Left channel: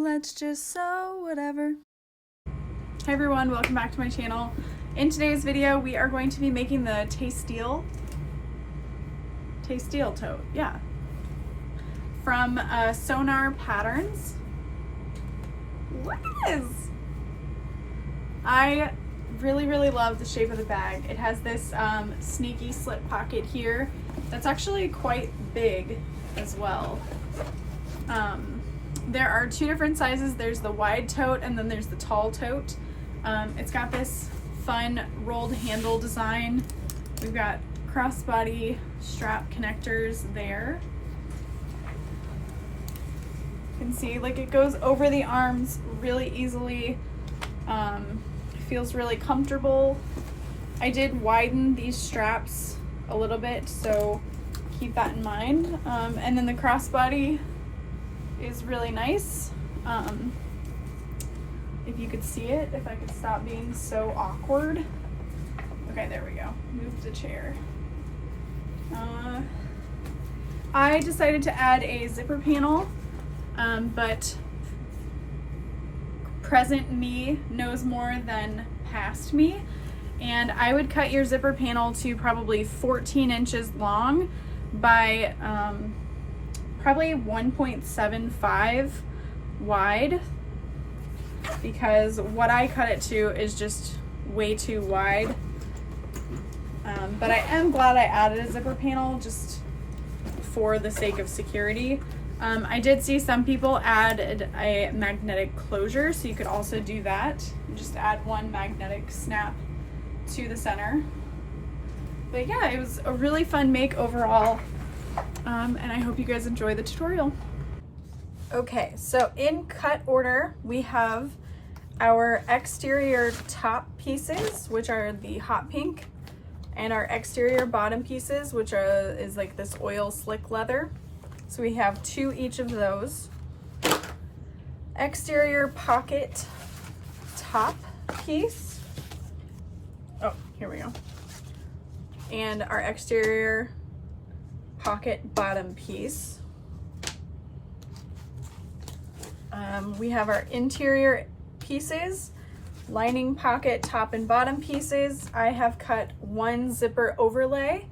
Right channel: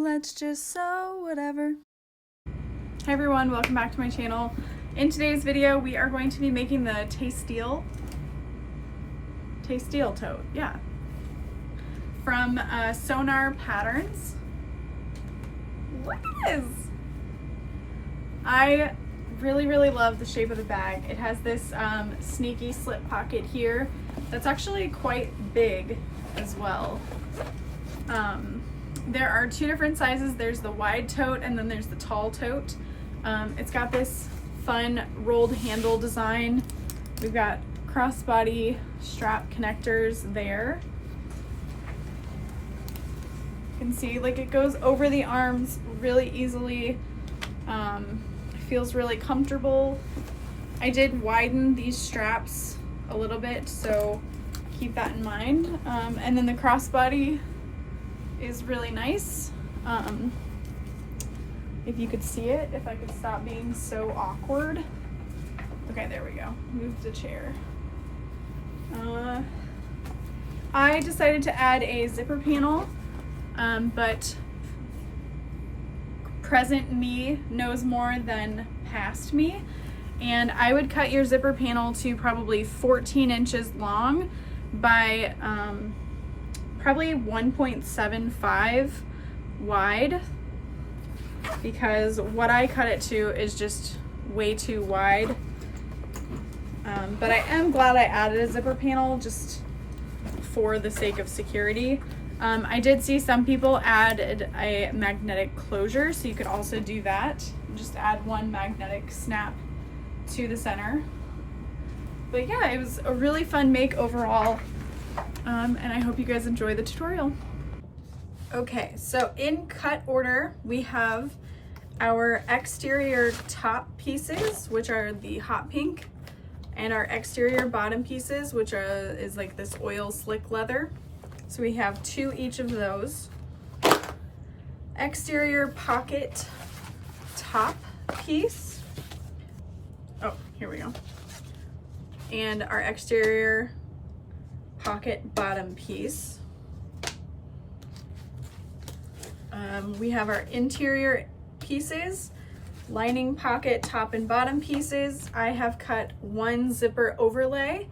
Let's just sew whatever. Hi everyone, welcome back to my channel. In today's video, we are going to be making the Taisteal tote, yeah, from Sewgnar patterns. What is? I really love the shape of the bag. It has this sneaky slip pocket here that's actually quite big as well. There are two different sizes. There's the wide tote and then there's the tall tote. It's got this fun rolled handle design. We've got crossbody strap connectors there. You can see like it goes over the arms really easily. Feels really comfortable. I did widen these straps a little bit, so keep that in mind. And then the crossbody is really nice. If you could see it, if I could stop being so awkward. Okay, there we go. Move the chair. I decided to add a zipper panel, but present me knows more than past me, and I would cut your zipper panel to probably 14 inches long by probably 1.75 wide, because what I cut it to is just way too wide. But I am glad I added a zipper panel just for the sake of security. I did see some people add a magnetic closure, so you could also do that. Just add one magnetic snap to the center. But yeah, it was a really fun make overall, and I hope you guys enjoy the tutorial. Okay, so in cut order, we have our exterior top pieces, which are the hot pink, and our exterior bottom pieces, which is like this oil slick leather. So we have two each of those. Exterior pocket top piece. Oh, here we go. And our exterior pocket bottom piece. We have our interior pieces, lining pocket top and bottom pieces. I have cut one zipper overlay,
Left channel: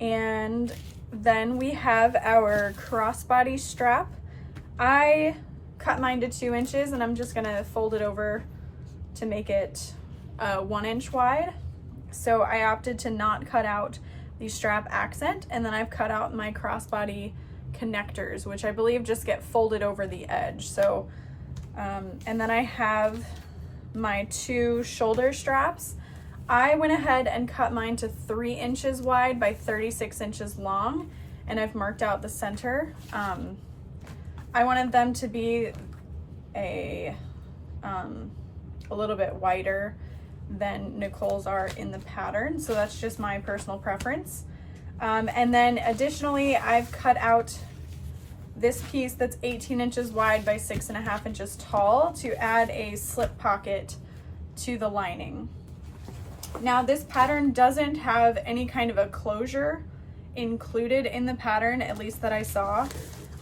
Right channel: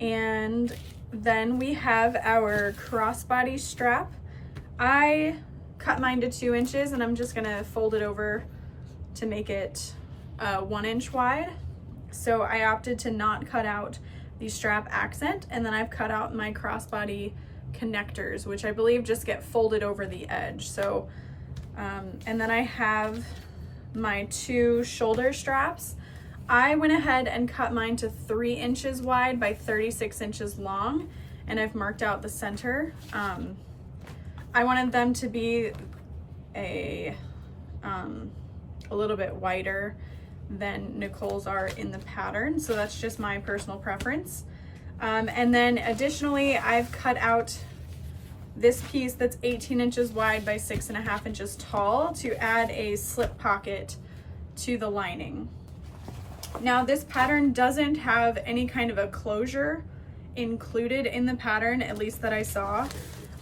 and then we have our crossbody strap. I cut mine to 2 inches, and I'm just gonna fold it over to make it 1 inch wide. So I opted to not cut out the strap accent, and then I've cut out my crossbody connectors, which I believe just get folded over the edge. So, and then I have my 2 shoulder straps. I went ahead and cut mine to 3 inches wide by 36 inches long, and I've marked out the center. I wanted them to be a little bit wider than Nicole's are in the pattern, so that's just my personal preference. And then additionally, I've cut out this piece that's 18 inches wide by 6.5 inches tall to add a slip pocket to the lining. Now this pattern doesn't have any kind of a closure included in the pattern, at least that I saw,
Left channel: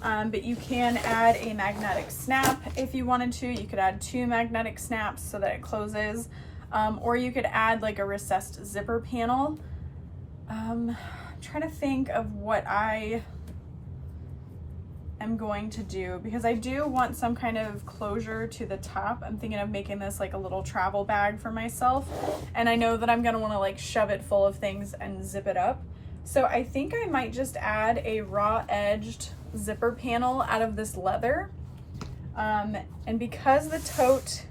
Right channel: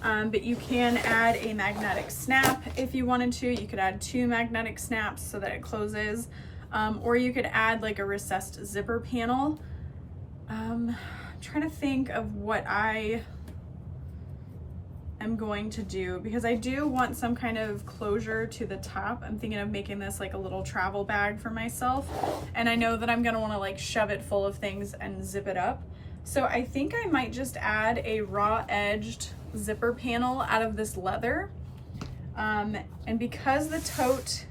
but you can add a magnetic snap if you wanted to. You could add 2 magnetic snaps so that it closes, or you could add like a recessed zipper panel. I'm trying to think of what I am going to do, because I do want some kind of closure to the top. I'm thinking of making this like a little travel bag for myself, and I know that I'm gonna want to like shove it full of things and zip it up. So I think I might just add a raw edged zipper panel out of this leather. And because the tote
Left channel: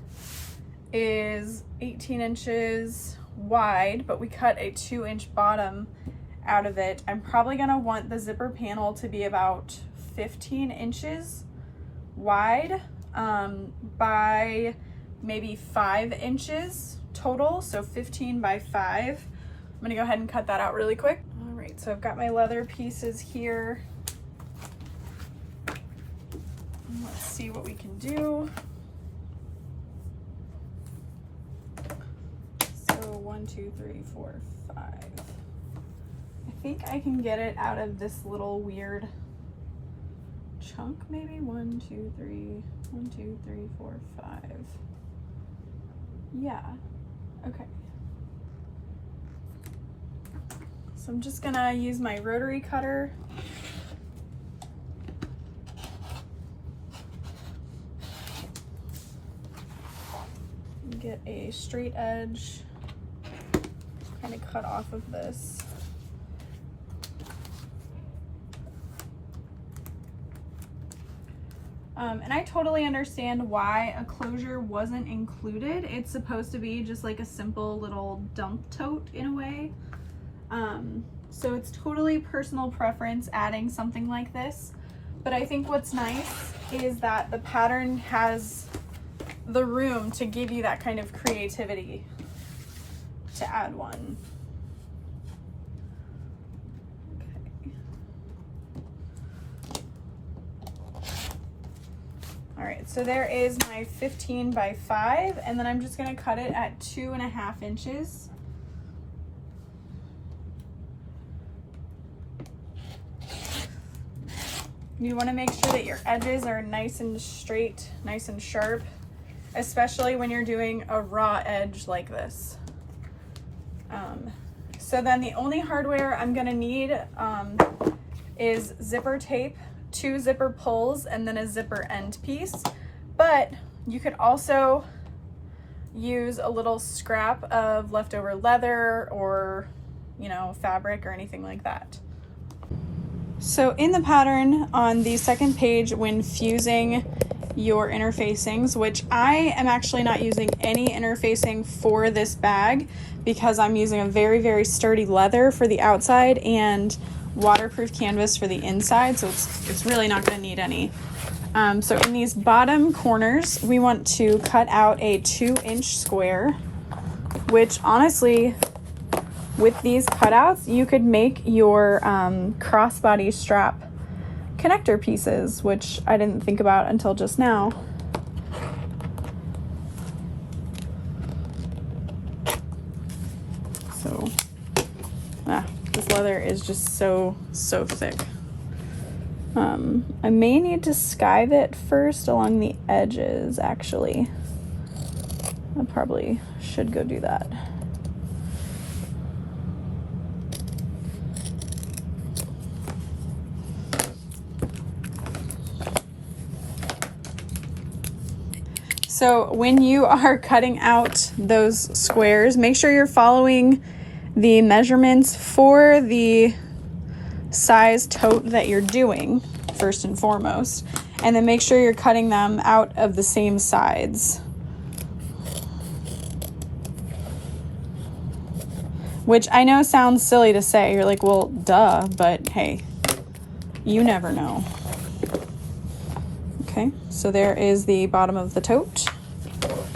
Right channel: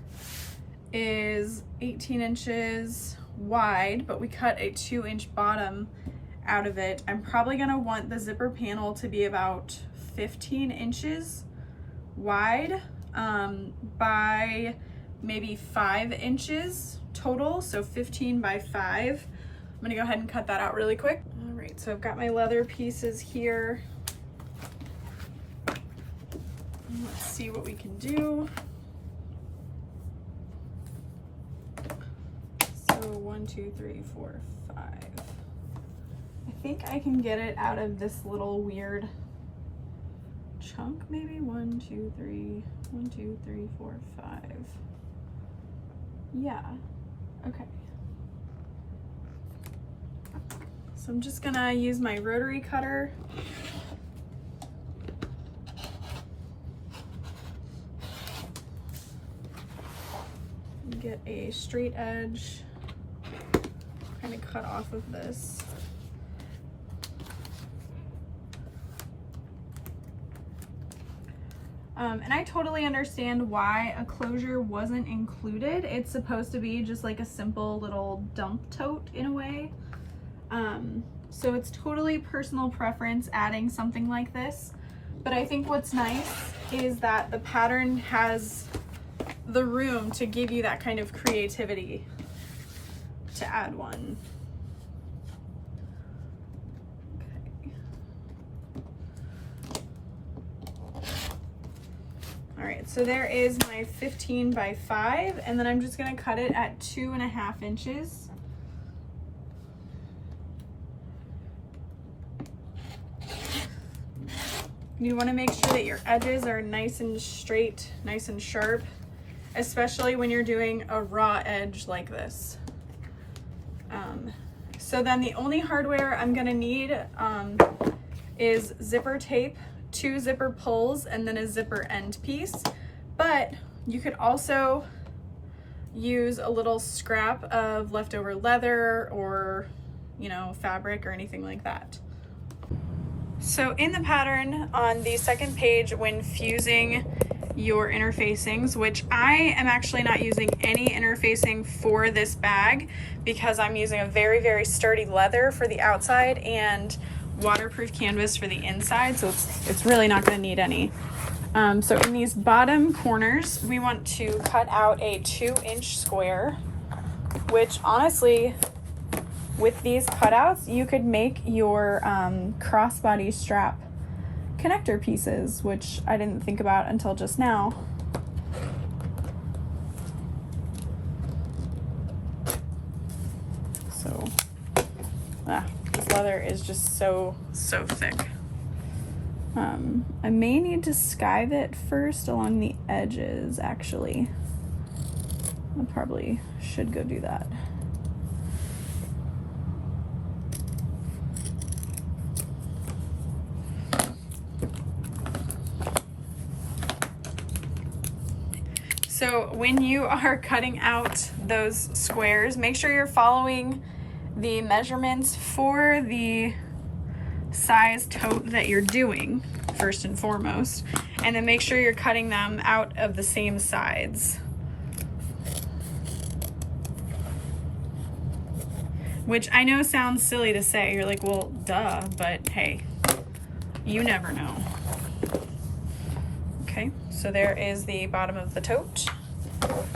is 18 inches wide, but we cut a 2-inch bottom out of it, I'm probably gonna want the zipper panel to be about 15 inches wide by maybe 5 inches total, so 15 by 5. I'm gonna go ahead and cut that out really quick. All right, so I've got my leather pieces here. Let's see what we can do. So 1, 2, 3, 4, 5. I think I can get it out of this little weird chunk, maybe 1, 2, 3, 1, 2, 3, 4, 5. Yeah, okay. So I'm just gonna use my rotary cutter. Get a straight edge, kind of cut off of this. And I totally understand why a closure wasn't included. It's supposed to be just like a simple little dump tote in a way. So it's totally personal preference adding something like this. But I think what's nice is that the pattern has the room to give you that kind of creativity to add one. Okay. All right, so there is my 15 by 5, and then I'm just gonna cut it at 2.5 inches. You wanna make sure that your edges are nice and straight, nice and sharp, especially when you're doing a raw edge like this. So then the only hardware I'm gonna need is zipper tape, 2 zipper pulls, and then a zipper end piece. But you could also use a little scrap of leftover leather or, you know, fabric or anything like that. So in the pattern on the second page, when fusing your interfacings, which I am actually not using any interfacing for this bag because I'm using a very, very sturdy leather for the outside and waterproof canvas for the inside, so it's really not going to need any. So in these bottom corners, we want to cut out a 2-inch square, which honestly, with these cutouts, you could make your crossbody strap connector pieces, which I didn't think about until just now. So, this leather is just so thick. I may need to skive it first along the edges, actually. I probably should go do that. So when you are cutting out those squares, make sure you're following the measurements for the size tote that you're doing, first and foremost, and then make sure you're cutting them out of the same sides. Which I know sounds silly to say. You're like, well, duh, but hey, you never know. Okay, so there is the bottom of the tote.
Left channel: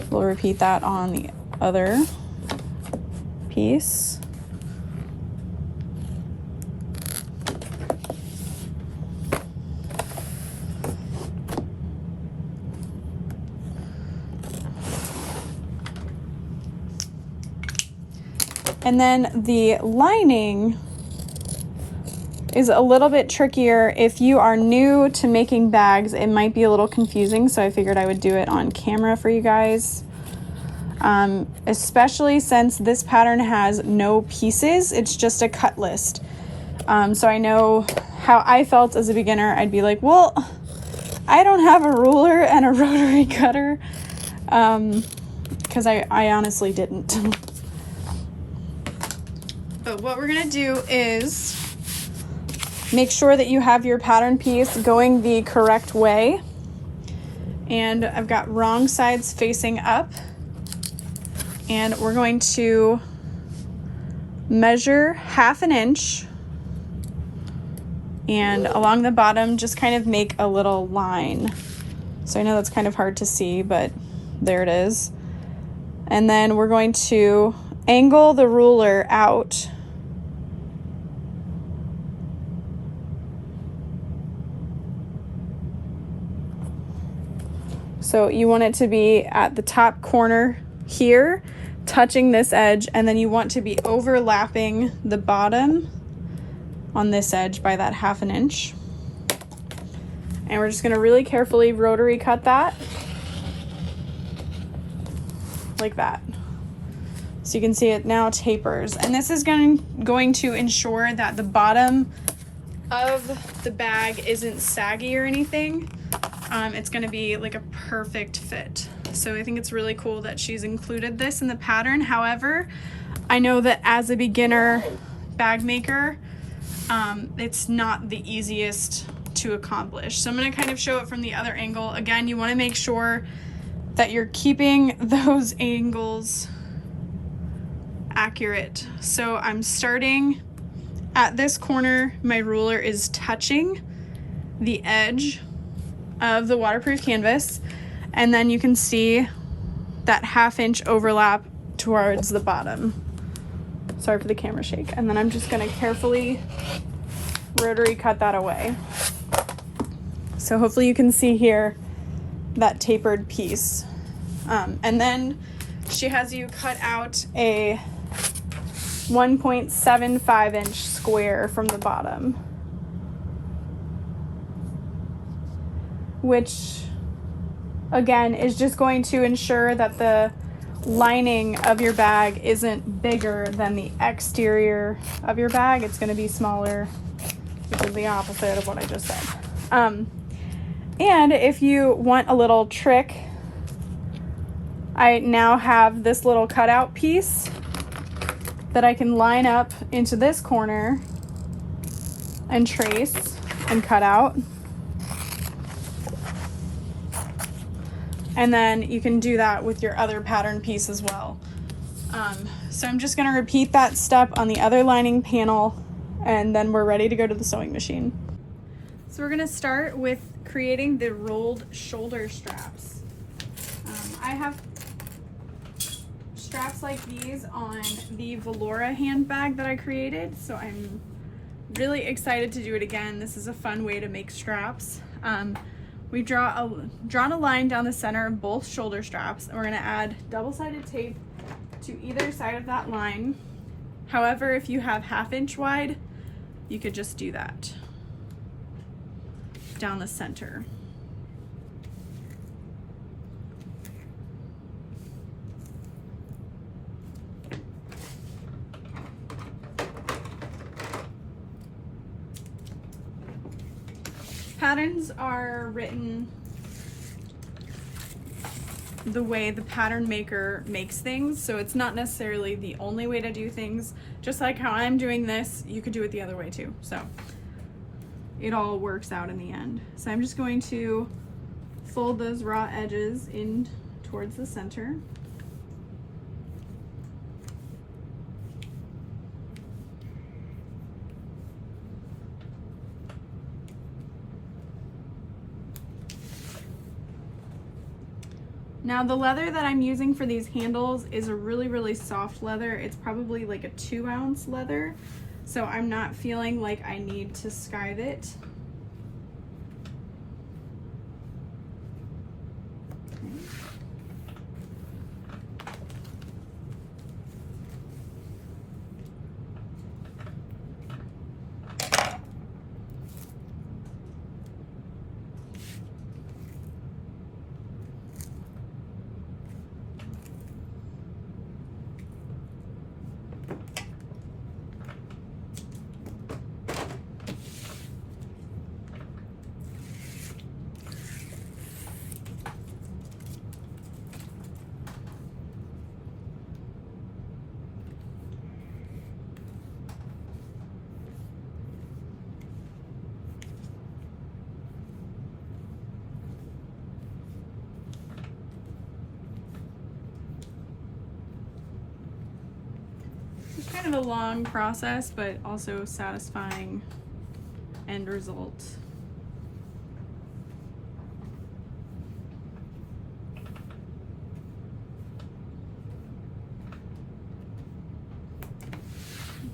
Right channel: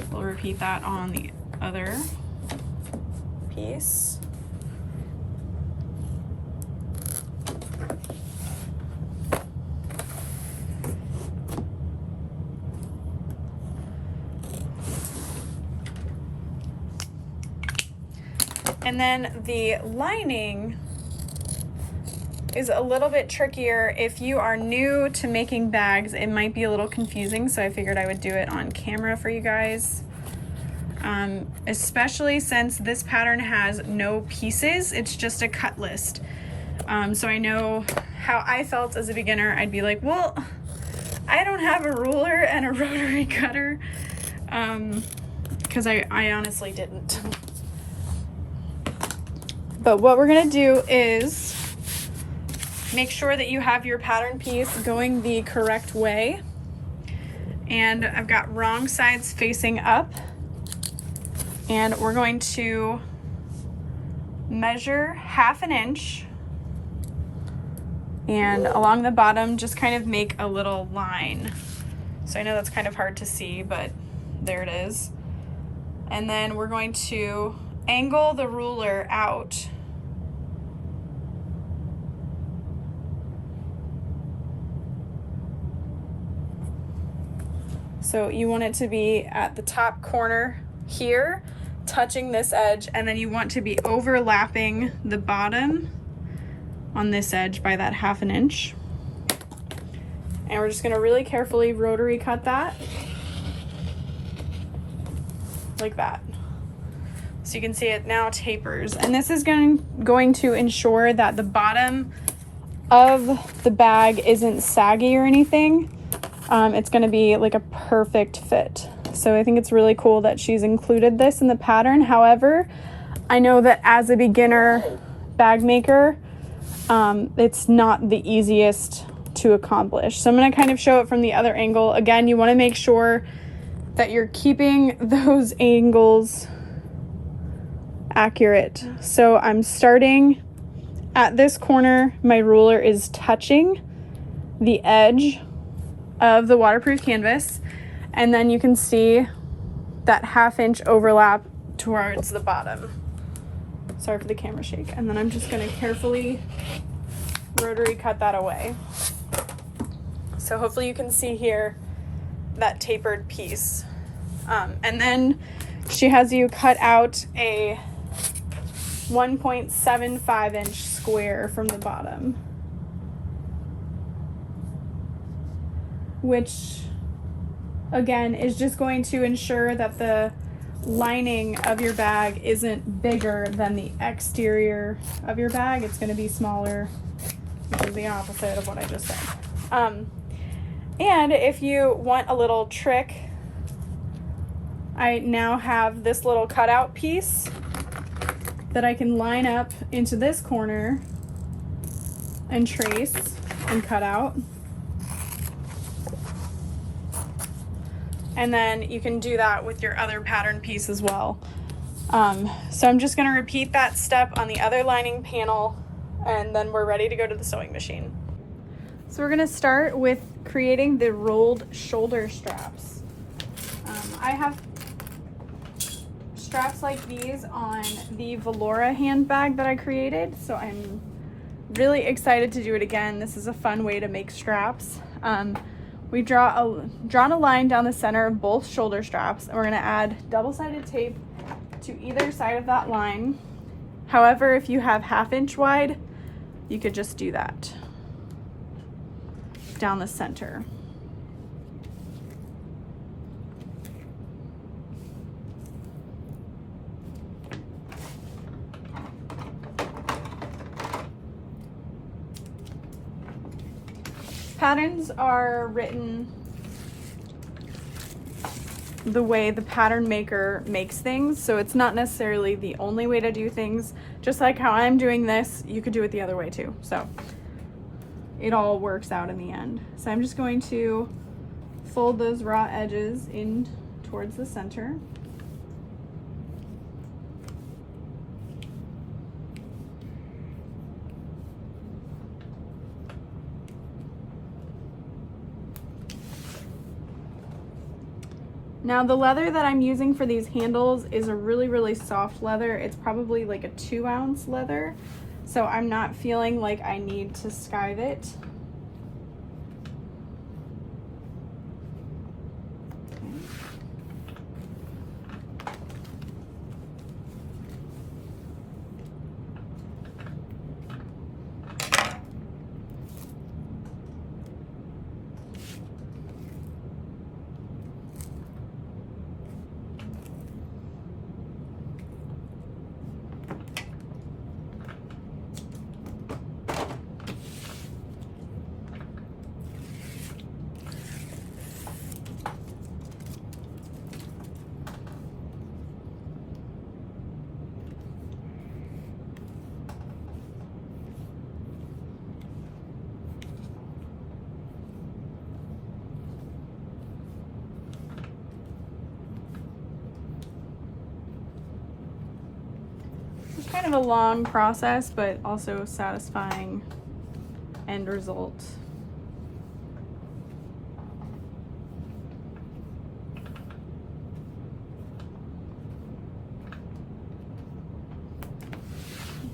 We'll repeat that on the other piece. And then the lining is a little bit trickier. If you are new to making bags, it might be a little confusing, so I figured I would do it on camera for you guys. Especially since this pattern has no pieces, it's just a cut list. So I know how I felt as a beginner. I'd be like, well, I don't have a ruler and a rotary cutter, because I honestly didn't. But what we're gonna do is make sure that you have your pattern piece going the correct way. And I've got wrong sides facing up. And we're going to measure 1/2 inch. And along the bottom, just kind of make a little line. So I know that's kind of hard to see, but there it is. And then we're going to angle the ruler out. So you want it to be at the top corner here, touching this edge, and then you want to be overlapping the bottom on this edge by that 1/2 inch. And we're just gonna really carefully rotary cut that. Like that. So you can see it now tapers. And this is going to ensure that the bottom of the bag isn't saggy or anything. It's gonna be like a perfect fit. So I think it's really cool that she's included this in the pattern. However, I know that as a beginner bag maker, it's not the easiest to accomplish. So I'm gonna kind of show it from the other angle. Again, you wanna make sure that you're keeping those angles accurate. So I'm starting at this corner, my ruler is touching the edge of the waterproof canvas, and then you can see that 1/2 inch overlap towards the bottom. Sorry for the camera shake. And then I'm just gonna carefully rotary cut that away. So hopefully you can see here that tapered piece. And then she has you cut out a 1.75 inch square from the bottom, which again is just going to ensure that the lining of your bag isn't bigger than the exterior of your bag. It's going to be smaller, which is the opposite of what I just said. And if you want a little trick, I now have this little cutout piece that I can line up into this corner and trace and cut out. And then you can do that with your other pattern piece as well. So I'm just gonna repeat that step on the other lining panel, and then we're ready to go to the sewing machine. So we're gonna start with creating the rolled shoulder straps. I have straps like these on the Valora handbag that I created, so I'm really excited to do it again. This is a fun way to make straps. We drawn a line down the center of both shoulder straps, and we're gonna add double-sided tape to either side of that line. However, if you have 1/2 inch wide, you could just do that down the center. Patterns are written the way the pattern maker makes things, so it's not necessarily the only way to do things. Just like how I'm doing this, you could do it the other way too. So it all works out in the end. So I'm just going to fold those raw edges in towards the center. Now the leather that I'm using for these handles is a really soft leather. It's probably like a 2-ounce leather, so I'm not feeling like I need to skive it. It's kind of a long process, but also satisfying end result.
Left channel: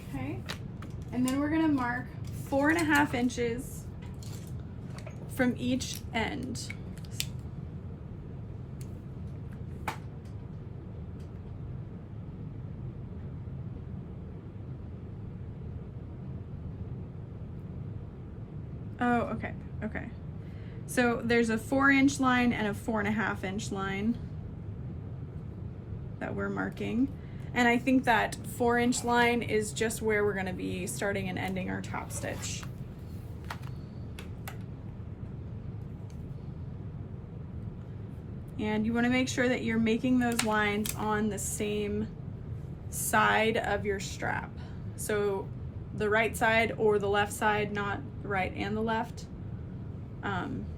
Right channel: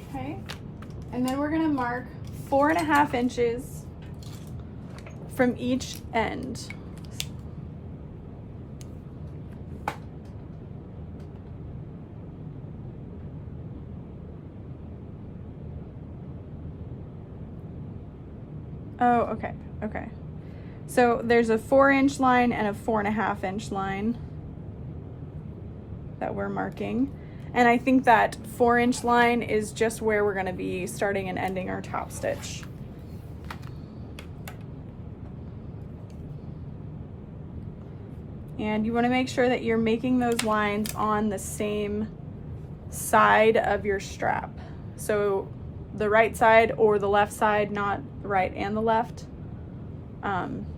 Okay, and then we're gonna mark 4.5 inches from each end. Oh, okay. So there's a 4-inch line and a 4.5-inch line that we're marking. And I think that 4-inch line is just where we're gonna be starting and ending our top stitch. And you wanna make sure that you're making those lines on the same side of your strap. So the right side or the left side, not the right and the left.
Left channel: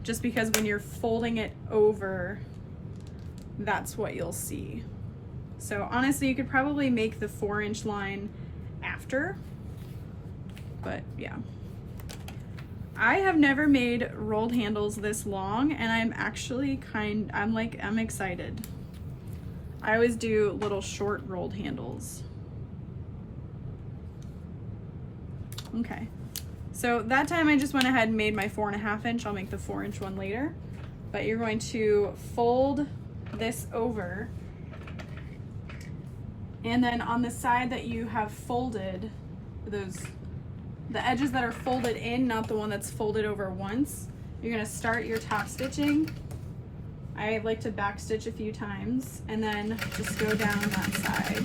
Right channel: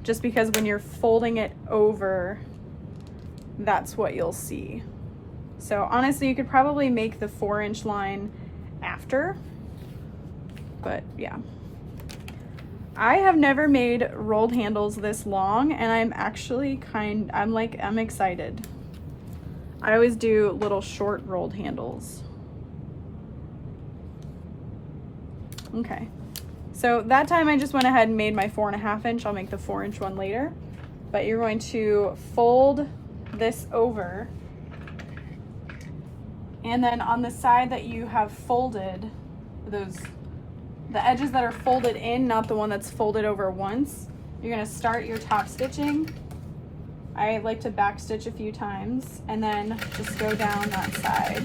Just because when you're folding it over, that's what you'll see. So honestly, you could probably make the 4-inch line after, but yeah. I have never made rolled handles this long, and I'm actually I'm excited. I always do little short rolled handles. Okay, so that time I just went ahead and made my 4.5-inch. I'll make the 4-inch one later, but you're going to fold this over, and then on the side that you have folded, the edges that are folded in, not the one that's folded over once, you're gonna start your top stitching. I like to back stitch a few times and then just go down that side.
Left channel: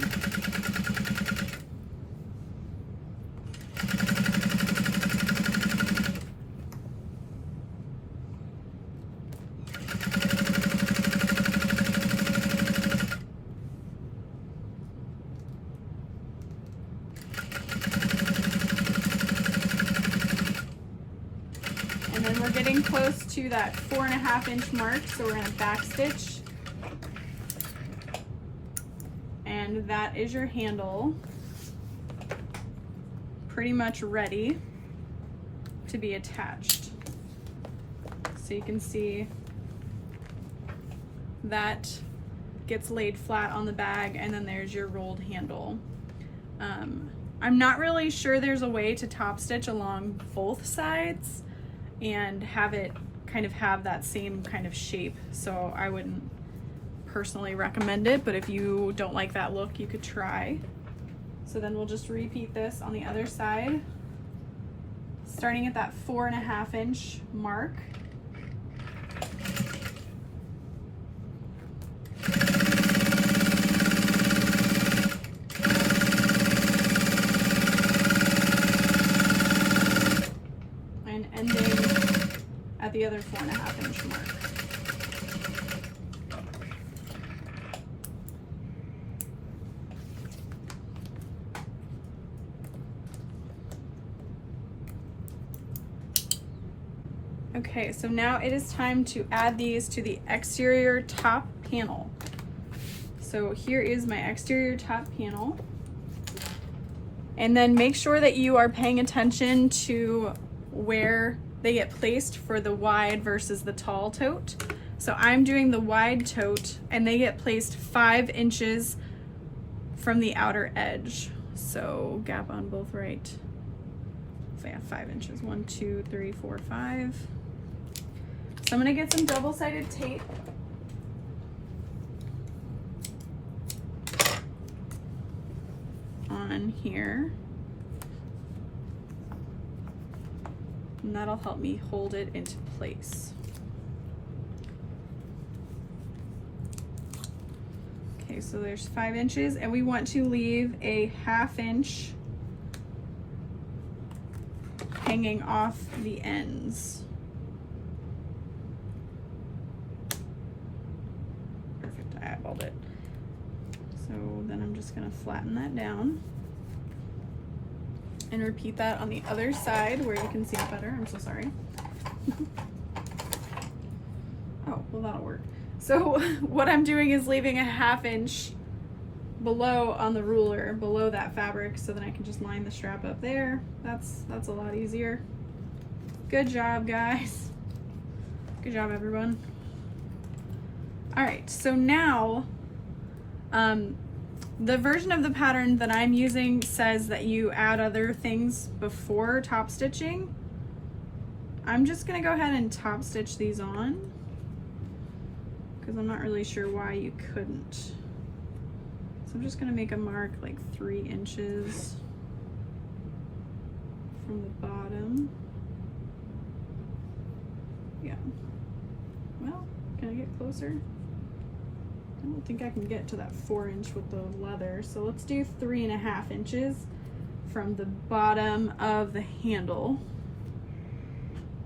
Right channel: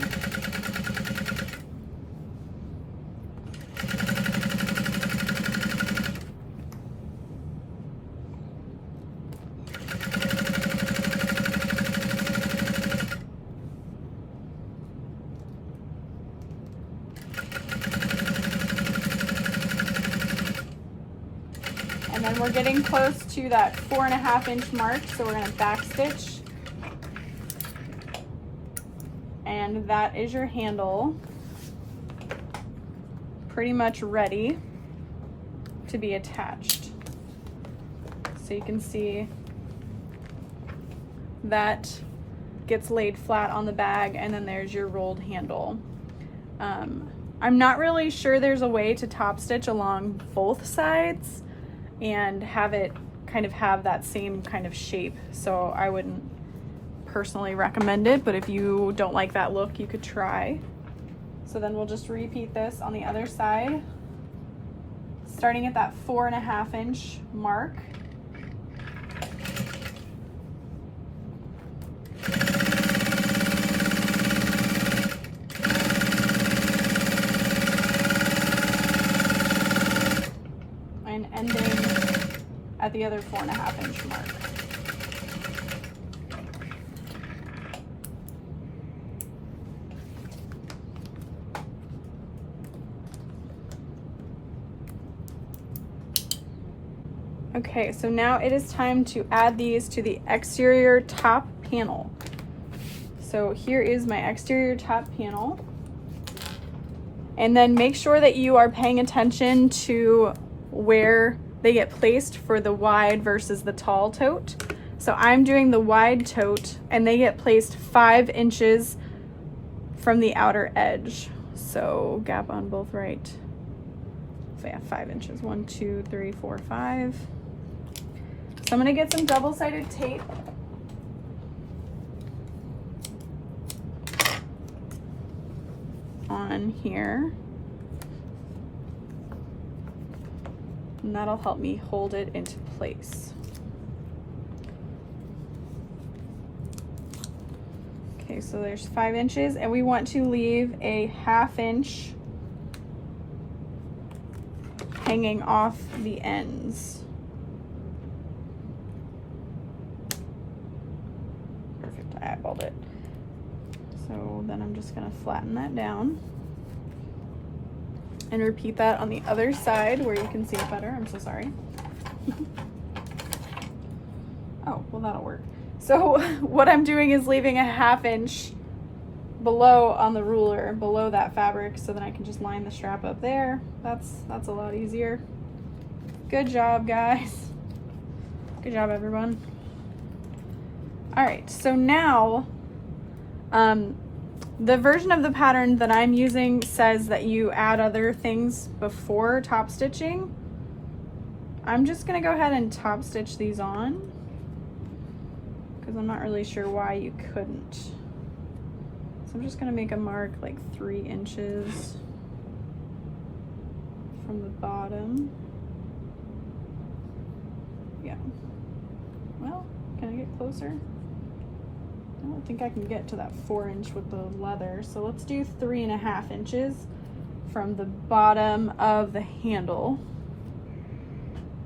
And then we're getting close to that 4.5-inch mark, so we're going to back stitch. And that is your handle, pretty much ready to be attached. So you can see that gets laid flat on the bag, and then there's your rolled handle. I'm not really sure there's a way to top stitch along both sides and have it kind of have that same kind of shape, so I wouldn't personally recommend it, but if you don't like that look, you could try. So then we'll just repeat this on the other side, starting at that 4.5-inch mark. And ending at the other 4.5-inch mark. Okay, so now it is time to add these to the exterior top panel. So here is my exterior top panel. And then make sure that you are paying attention to where they get placed for the wide versus the tall tote. So I'm doing the wide tote, and they get placed 5 inches from the outer edge. So gap on both right. So yeah, 5 inches. 1, 2, 3, 4, 5. So I'm gonna get some double-sided tape. On here. And that'll help me hold it into place. Okay, so there's 5 inches, and we want to leave a 1/2 inch hanging off the ends. Perfect, I eyeballed it. So then I'm just gonna flatten that down. And repeat that on the other side where you can see it better. I'm so sorry. Oh, well that'll work. So what I'm doing is leaving a 1/2 inch below on the ruler, below that fabric, so then I can just line the strap up there. That's a lot easier. Good job, guys. Good job, everyone. All right, so now, the version of the pattern that I'm using says that you add other things before top stitching. I'm just gonna go ahead and top stitch these on because I'm not really sure why you couldn't. So I'm just gonna make a mark like 3 inches from the bottom. Yeah. well, can I get closer? I don't think I can get to that 4-inch with the leather. So let's do 3.5 inches from the bottom of the handle.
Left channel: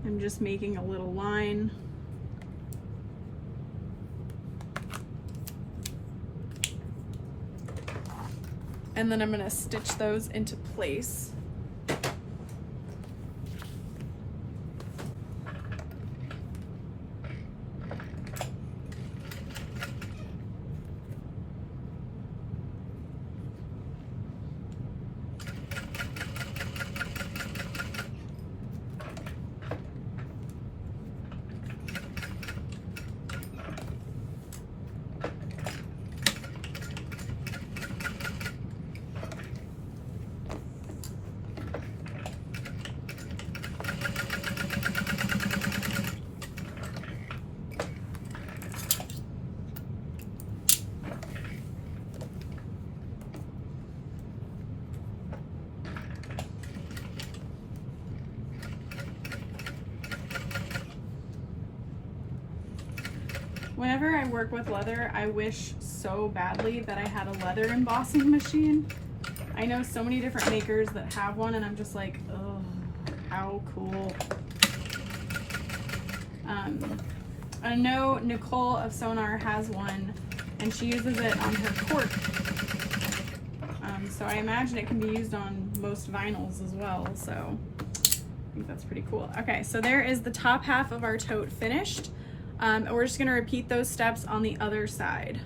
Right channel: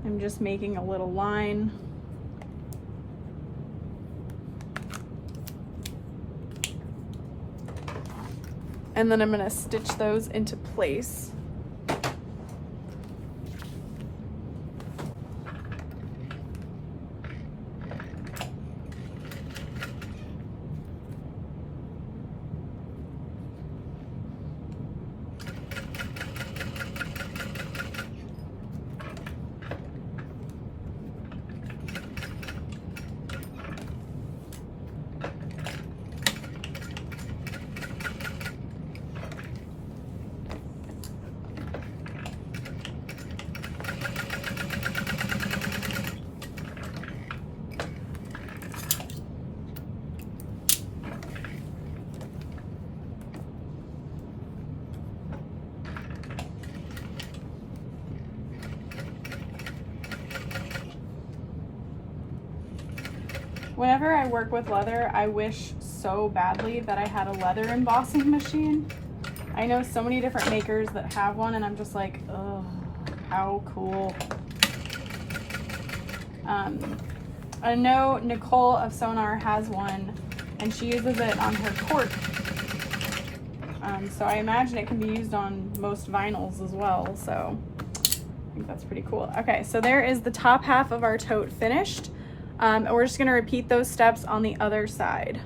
I'm just making a little line. And then I'm gonna stitch those into place. Whenever I work with leather, I wish so badly that I had a leather embossing machine. I know so many different makers that have one, and I'm just like, oh, how cool. I know Nicole of Sewgnar has one, and she uses it on her cork. So I imagine it can be used on most vinyls as well, so I think that's pretty cool. Okay, so there is the top half of our tote finished. And we're just going to repeat those steps on the other side.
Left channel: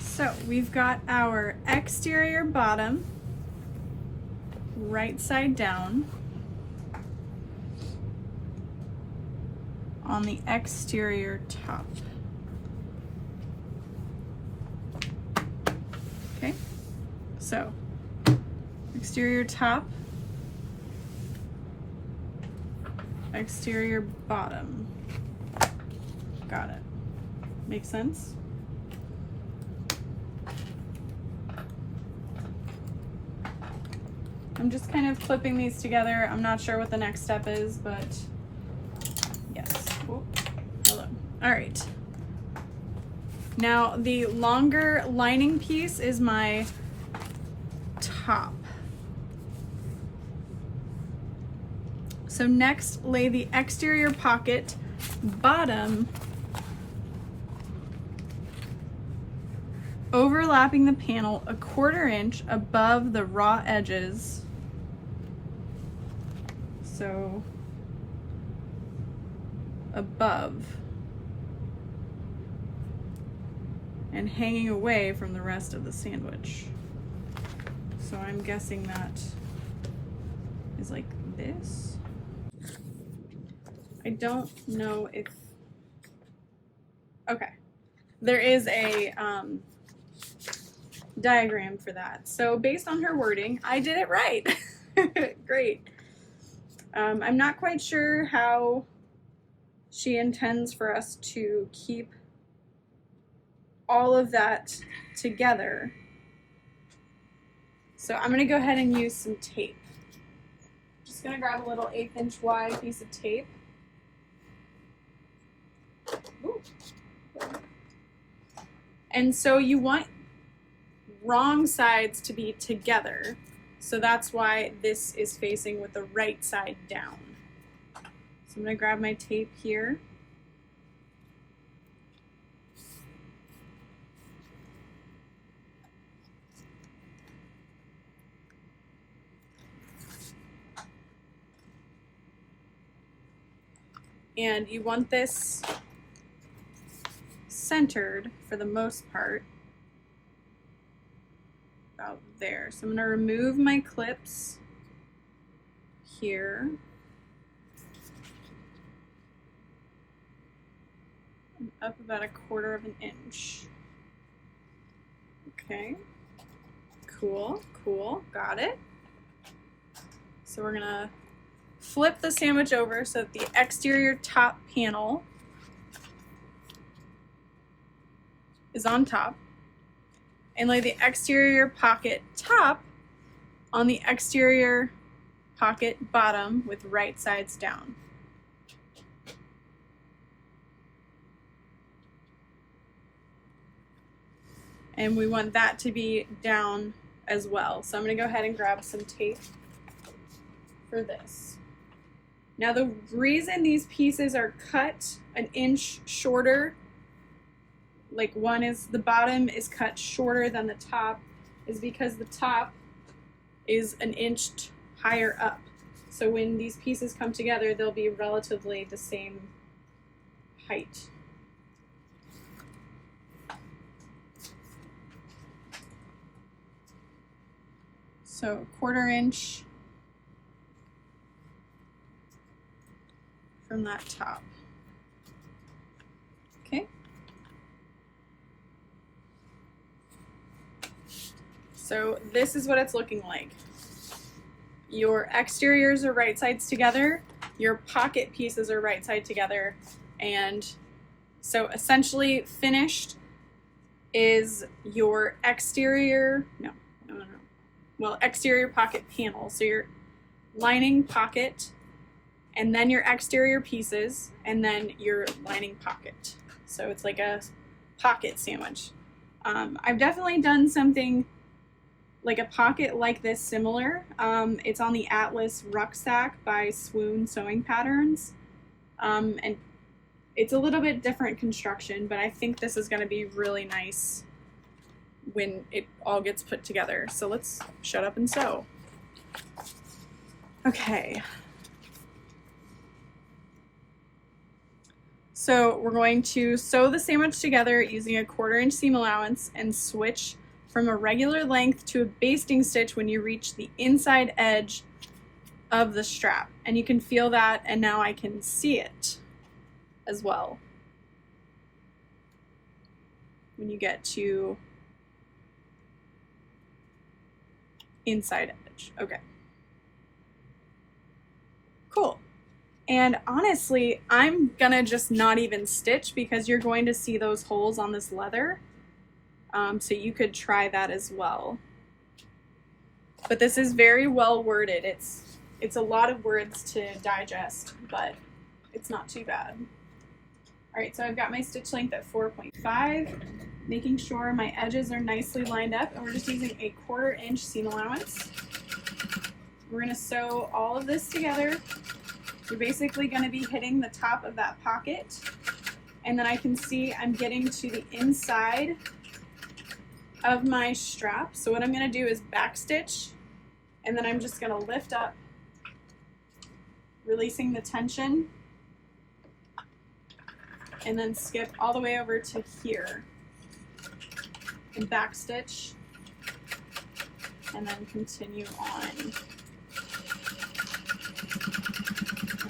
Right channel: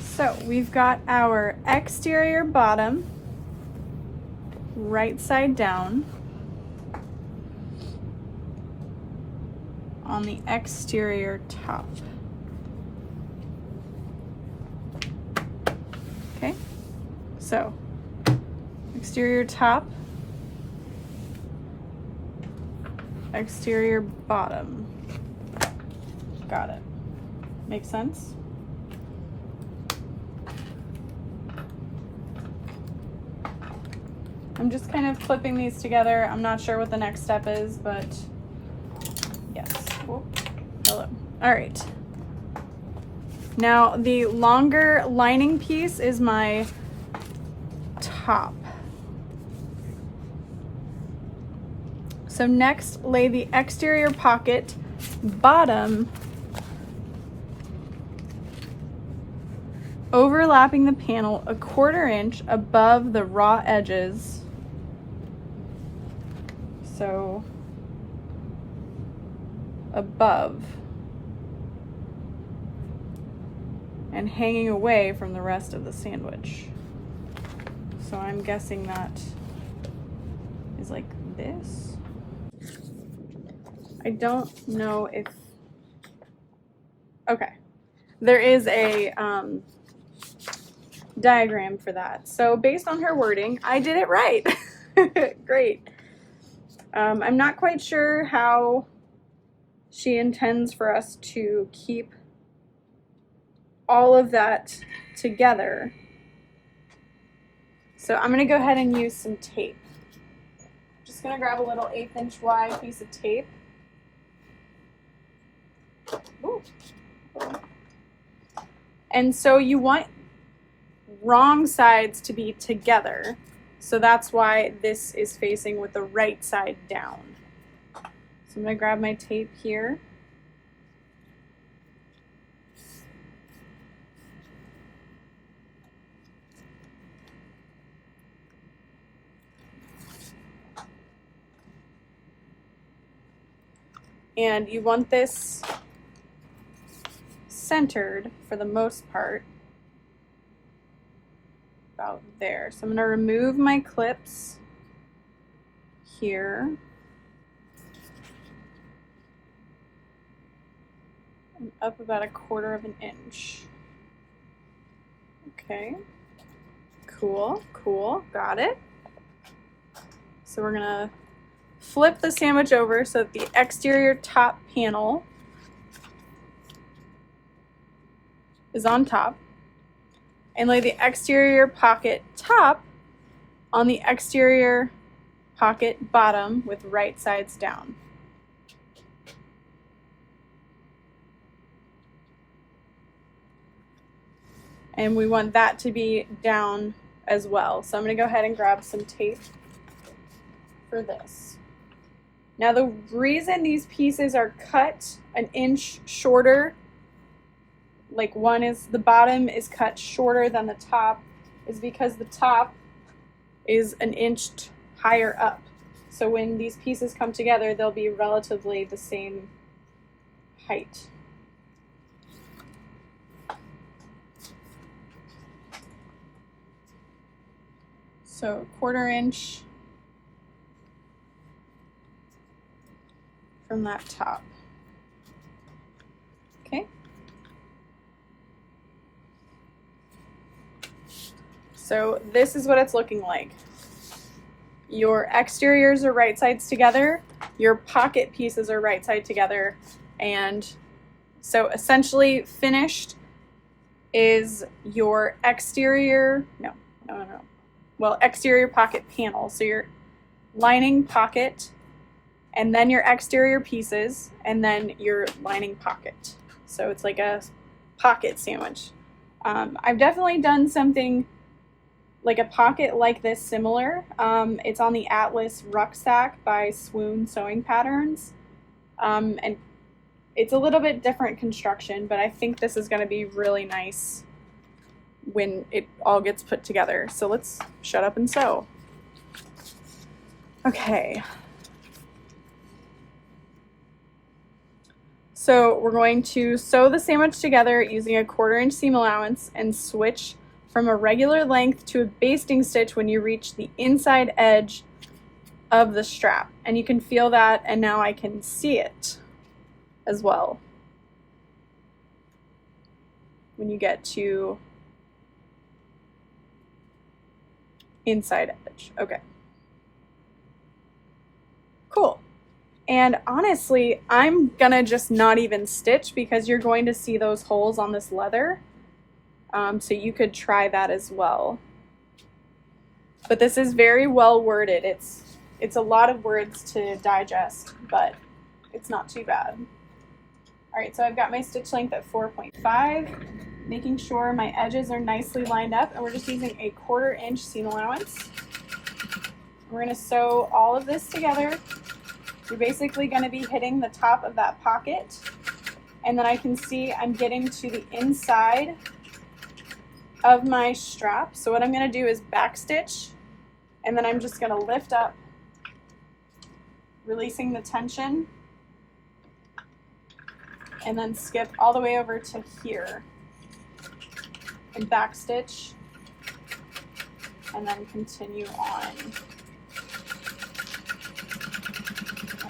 So we've got our exterior bottom right side down on the exterior top. Okay, so exterior top, exterior bottom. Got it. Make sense? I'm just kind of clipping these together. I'm not sure what the next step is, but yes. Oh, hello. All right. Now the longer lining piece is my top. So next, lay the exterior pocket bottom overlapping the panel 1/4 inch above the raw edges. So above and hanging away from the rest of the sandwich. So I'm guessing that is like this. I don't know if, okay. There is a diagram for that. So based on her wording, I did it right. Great. I'm not quite sure how she intends for us to keep all of that together. So I'm gonna go ahead and use some tape. Just gonna grab a little 1/8 inch wide piece of tape. Ooh. And so you want wrong sides to be together. So that's why this is facing with the right side down. So I'm gonna grab my tape here. And you want this centered for the most part. About there. So I'm going to remove my clips here. And up about 1/4 inch. Okay. Cool, cool. Got it. So we're going to flip the sandwich over so that the exterior top panel is on top, and lay the exterior pocket top on the exterior pocket bottom with right sides down. And we want that to be down as well. So I'm going to go ahead and grab some tape for this. Now the reason these pieces are cut an inch shorter, like the bottom is cut shorter than the top, is because the top is an inch higher up. So when these pieces come together, they'll be relatively the same height. So 1/4 inch from that top. Okay. So this is what it's looking like. Your exteriors are right sides together, your pocket pieces are right side together, and so essentially finished is your exterior, exterior pocket panel. So your lining pocket, and then your exterior pieces, and then your lining pocket. So it's like a pocket sandwich. I've definitely done something like a pocket like this similar. It's on the Atlas Rucksack by Swoon Sewing Patterns. And it's a little bit different construction, but I think this is going to be really nice when it all gets put together. So let's shut up and sew. Okay. So we're going to sew the sandwich together using a 1/4 inch seam allowance and switch from a regular length to a basting stitch when you reach the inside edge of the strap. And you can feel that, and now I can see it as well. When you get to inside edge. Okay. Cool. And honestly, I'm gonna just not even stitch because you're going to see those holes on this leather. So you could try that as well. But this is very well worded. It's a lot of words to digest, but it's not too bad. All right, so I've got my stitch length at 4.5, making sure my edges are nicely lined up, and we're just using a 1/4 inch seam allowance. We're gonna sew all of this together. You're basically gonna be hitting the top of that pocket, and then I can see I'm getting to the inside of my strap. So what I'm gonna do is backstitch, and then I'm just gonna lift up, releasing the tension, and then skip all the way over to here and backstitch, and then continue on, and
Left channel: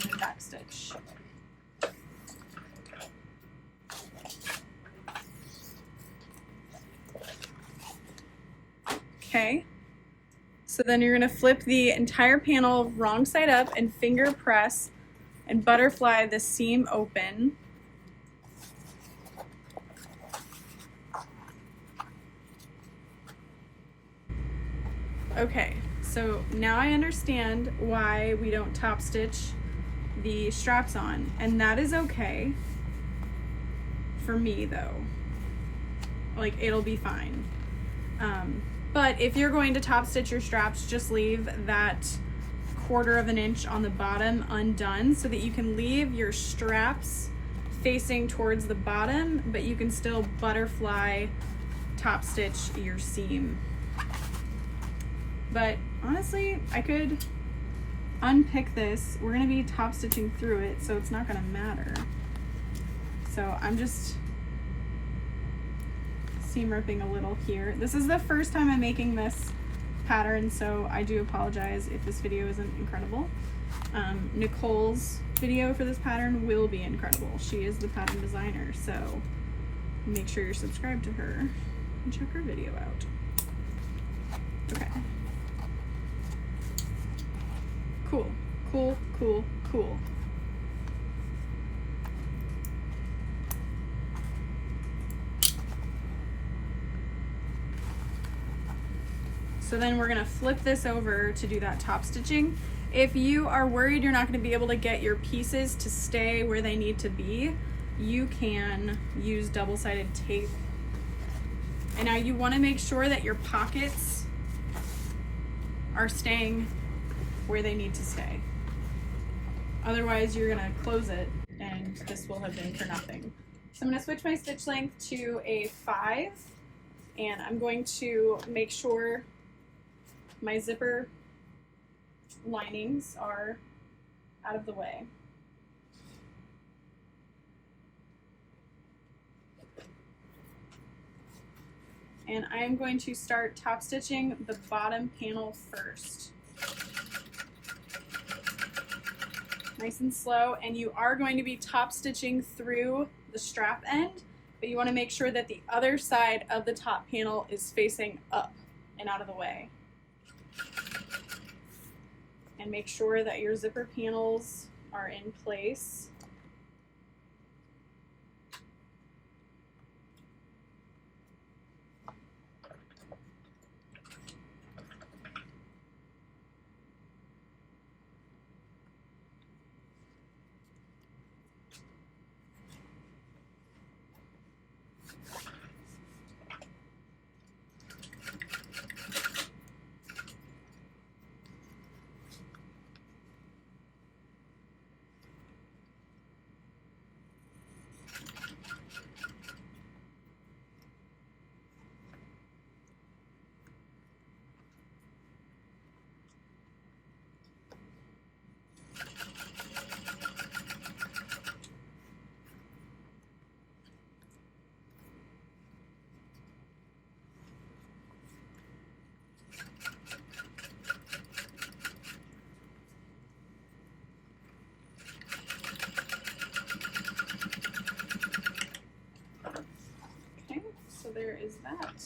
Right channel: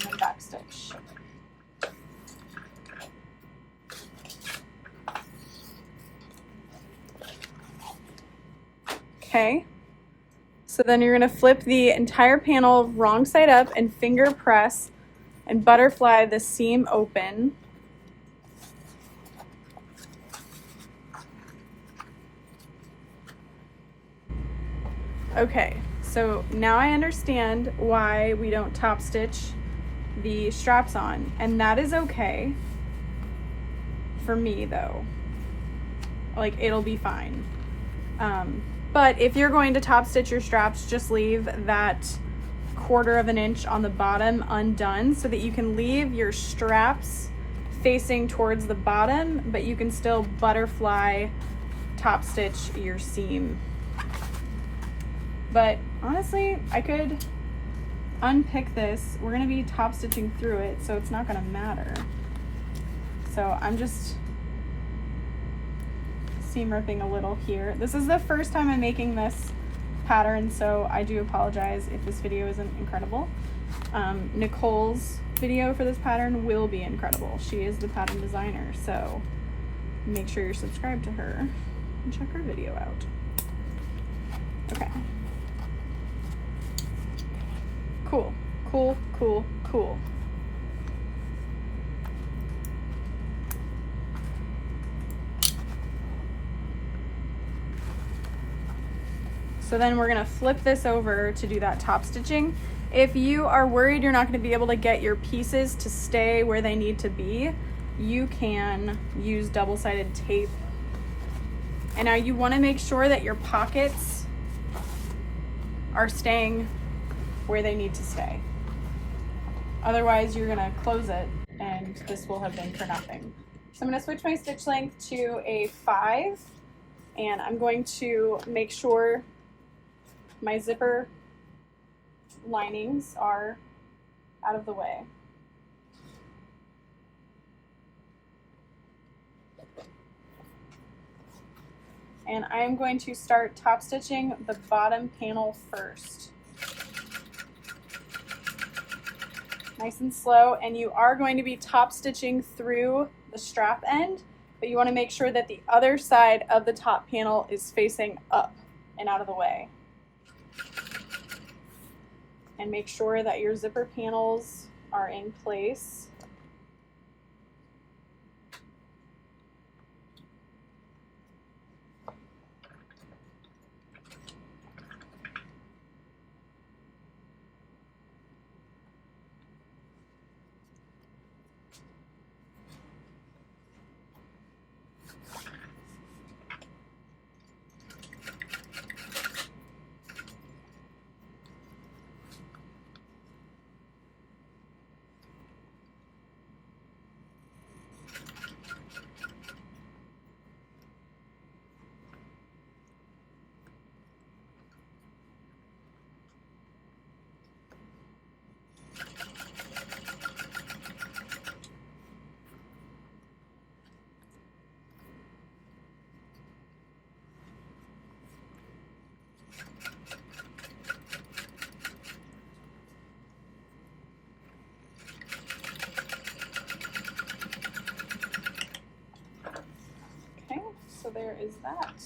then backstitch. Okay, so then you're going to flip the entire panel wrong side up and finger press and butterfly the seam open. Okay, so now I understand why we don't top stitch the straps on, and that is okay for me though. Like, it'll be fine. But if you're going to top stitch your straps, just leave that 1/4 inch on the bottom undone so that you can leave your straps facing towards the bottom, but you can still butterfly top stitch your seam. But honestly, I could unpick this. We're gonna be top stitching through it, so it's not gonna matter. So I'm just seam ripping a little here. This is the first time I'm making this pattern, so I do apologize if this video isn't incredible. Nicole's video for this pattern will be incredible. She is the pattern designer, so make sure you're subscribed to her and check her video out. Okay. Cool, cool, cool, cool. So then we're gonna flip this over to do that top stitching. If you are worried you're not gonna be able to get your pieces to stay where they need to be, you can use double-sided tape. And now you wanna make sure that your pockets are staying where they need to stay. Otherwise, you're gonna close it and this will have been for nothing. So I'm gonna switch my stitch length to a 5, and I'm going to make sure my zipper linings are out of the way. And I'm going to start top stitching the bottom panel first. Nice and slow, and you are going to be top stitching through the strap end, but you want to make sure that the other side of the top panel is facing up and out of the way. And make sure that your zipper panels are in place. There is that.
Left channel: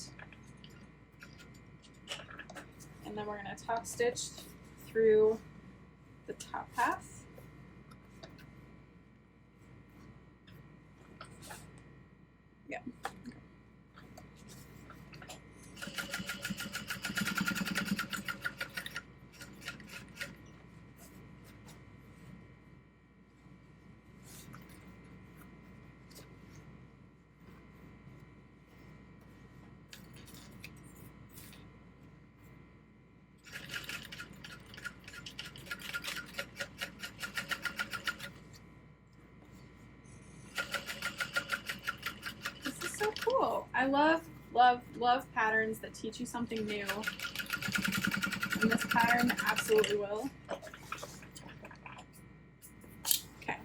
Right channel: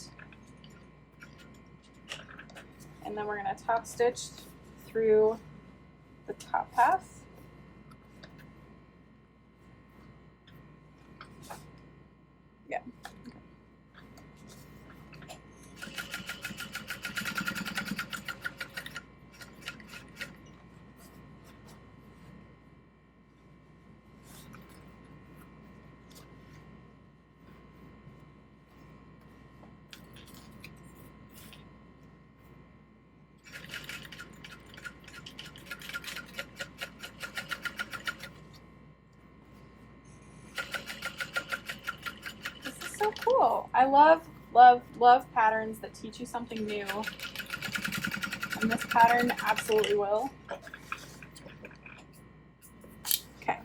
And then we're going to top stitch through the top half. Yeah. So cool. I love patterns that teach you something new. And this pattern absolutely will. Okay.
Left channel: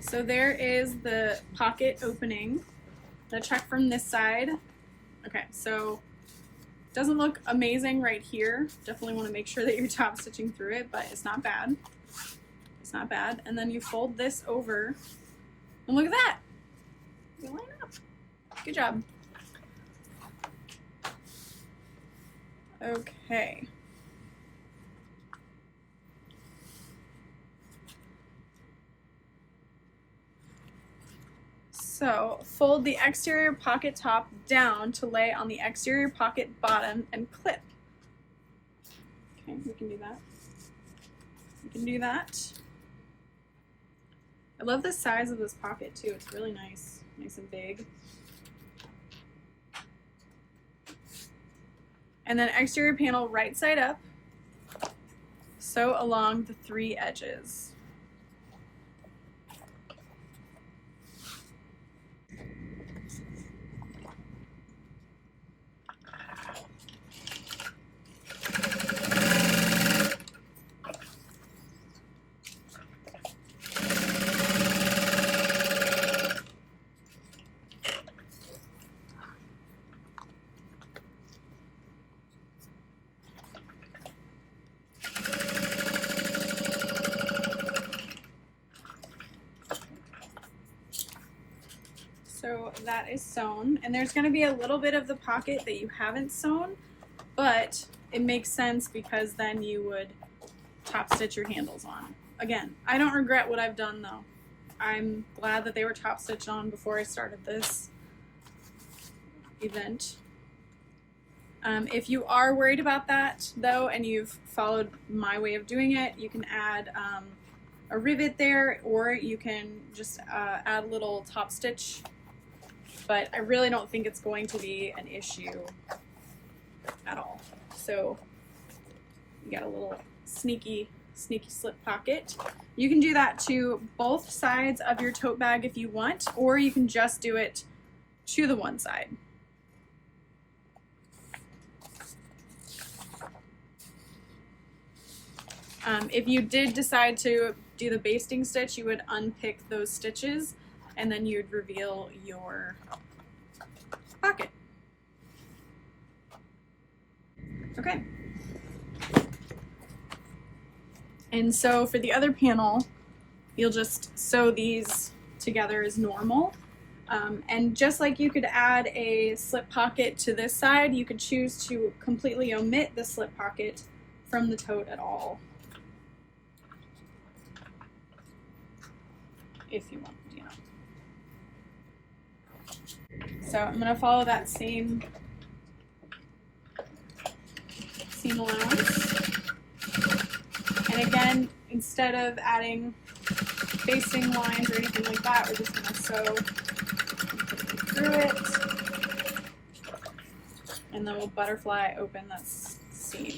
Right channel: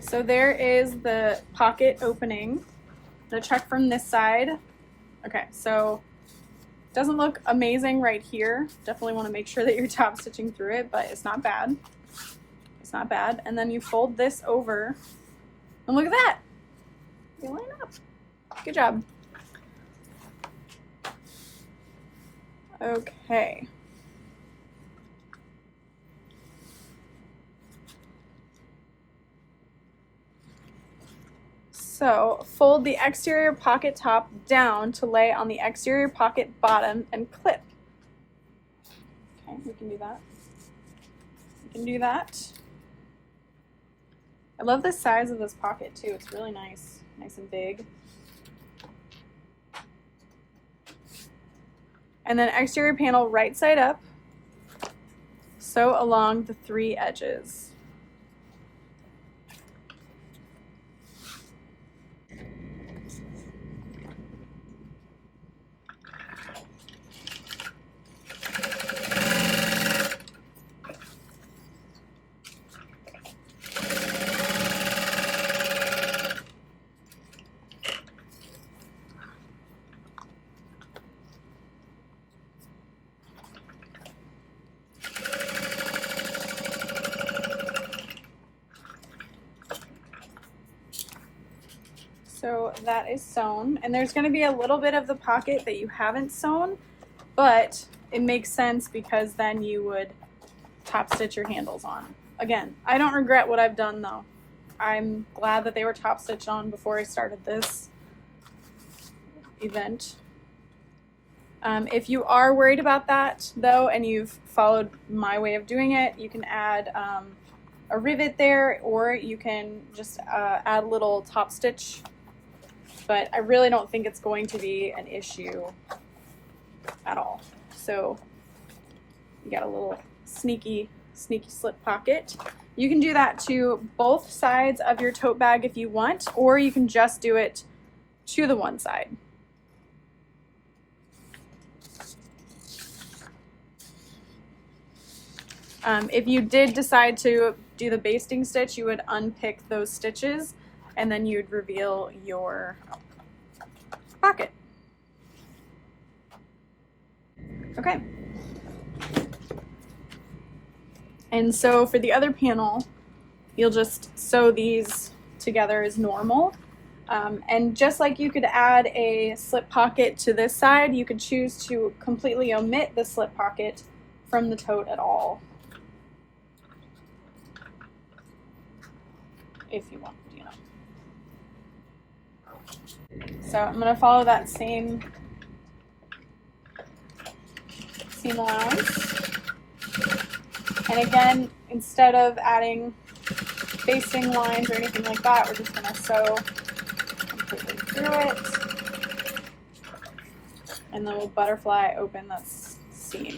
So there is the pocket opening. The check from this side. Okay, so it doesn't look amazing right here. Definitely want to make sure that you're top stitching through it, but it's not bad. It's not bad. And then you fold this over. And look at that. They line up. Good job. Okay. So fold the exterior pocket top down to lay on the exterior pocket bottom and clip. Okay, we can do that. We can do that. I love the size of this pocket too. It's really nice. Nice and big. And then exterior panel right side up, sew along the 3 edges. So that is sewn, and there's going to be a little bit of the pocket that you haven't sewn, but it makes sense because then you would top stitch your handles on. Again, I don't regret what I've done though. I'm glad that they were top stitched on before I started this event. If you are worried about that though, and you've followed my way of doing it, you can add a rivet there, or you can just add a little top stitch, but I really don't think it's going to be an issue at all. So you got a little sneaky slip pocket. You can do that to both sides of your tote bag if you want, or you can just do it to the one side. If you did decide to do the basting stitch, you would unpick those stitches and then you'd reveal your pocket. Okay. And so for the other panel, you'll just sew these together as normal. And just like you could add a slip pocket to this side, you could choose to completely omit the slip pocket from the tote at all, if you want, you know. So I'm going to follow that same seam allowance. And again, instead of adding basting lines or anything like that, we're just going to sew completely through it. And then we'll butterfly open that seam.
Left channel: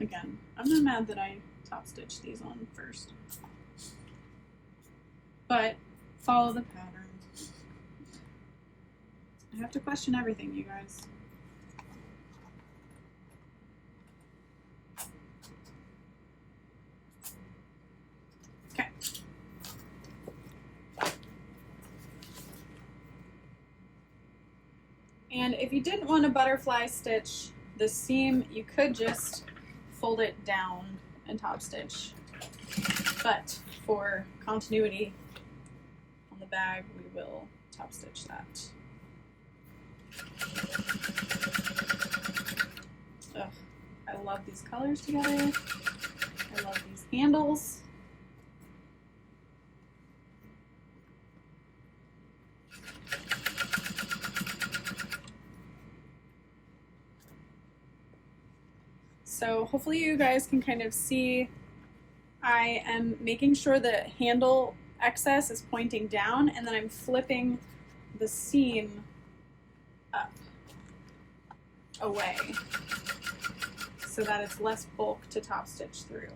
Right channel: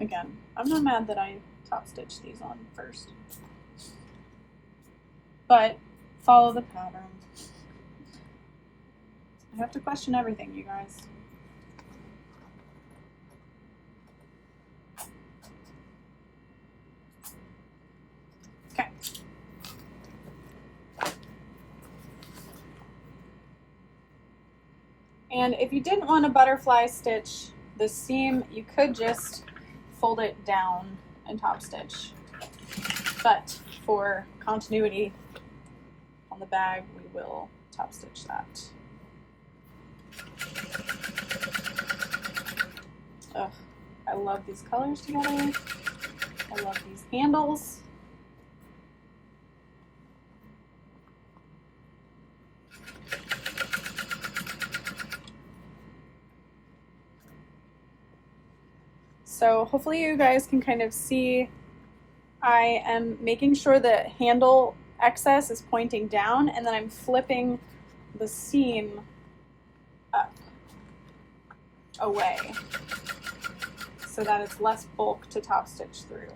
Again, I'm not mad that I top stitched these on first, but follow the pattern. I have to question everything, you guys. Okay. And if you didn't want to butterfly stitch the seam, you could just fold it down and top stitch, but for continuity on the bag, we will top stitch that. Ugh, I love these colors together. I love these handles. So hopefully you guys can kind of see I am making sure the handle excess is pointing down, and then I'm flipping the seam up away so that it's less bulk to top stitch through.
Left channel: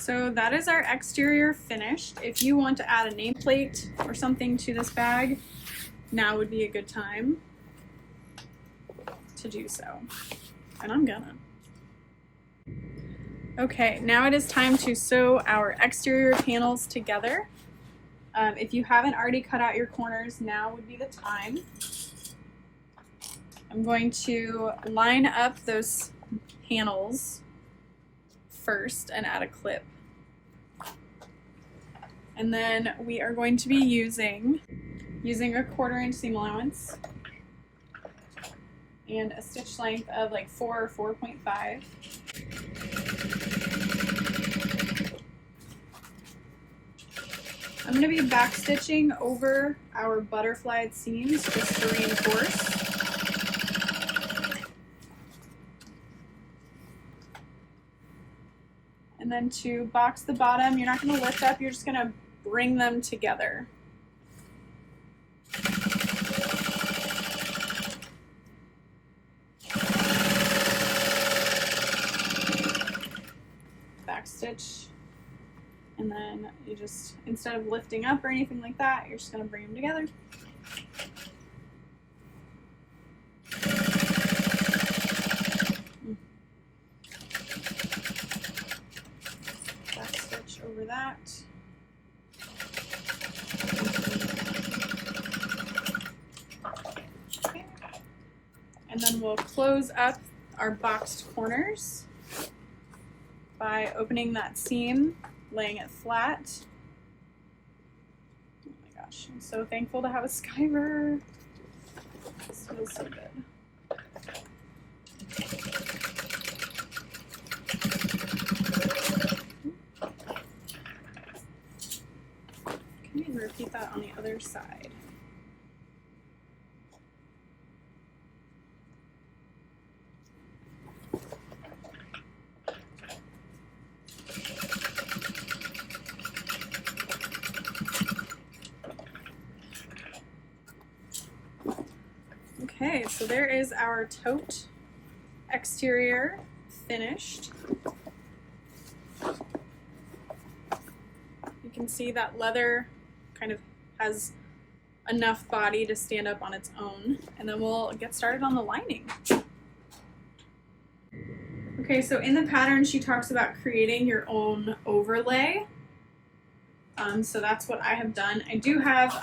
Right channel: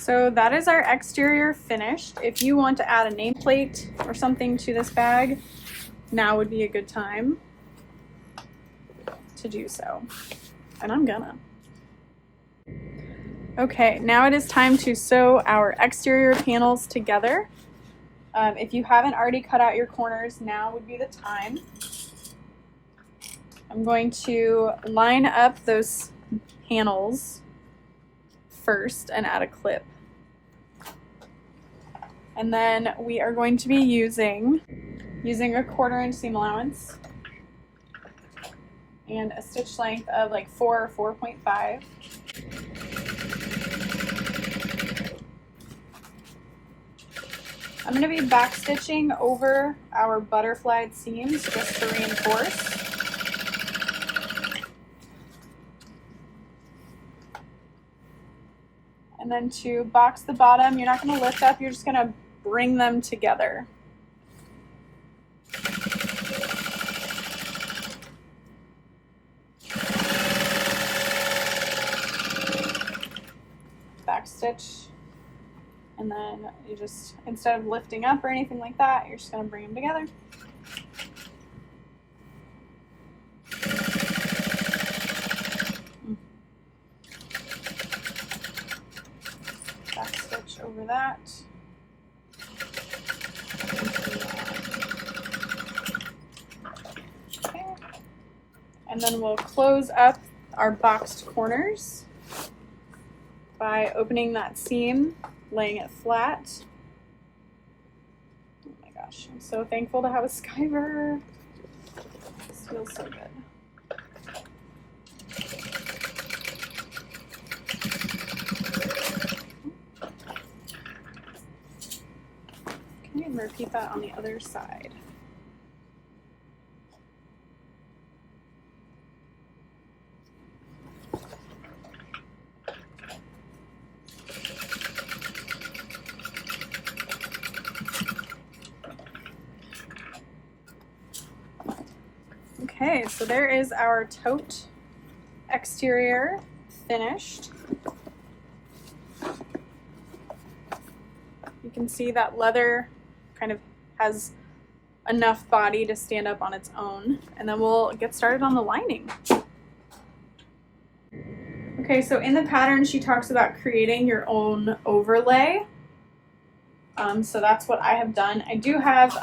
So that is our exterior finished. If you want to add a nameplate or something to this bag, now would be a good time to do so. And I'm gonna. Okay, now it is time to sew our exterior panels together. If you haven't already cut out your corners, now would be the time. I'm going to line up those panels first and add a clip. And then we are going to be using a 1/4 inch seam allowance and a stitch length of like 4 or 4.5. I'm going to be back stitching over our butterflied seams just to reinforce. And then to box the bottom, you're not going to lift up, you're just going to bring them together. Back stitch And then you just, instead of lifting up or anything like that, you're just going to bring them together. Back stitch over that. Okay. And then we'll close up our boxed corners by opening that seam, laying it flat. Oh my gosh, I'm so thankful to have a Skiver. This feels so good. Okay, and repeat that on the other side. Okay, so there is our tote exterior finished. You can see that leather kind of has enough body to stand up on its own, and then we'll get started on the lining. Okay, so in the pattern she talks about creating your own overlay. So that's what I have done. I do have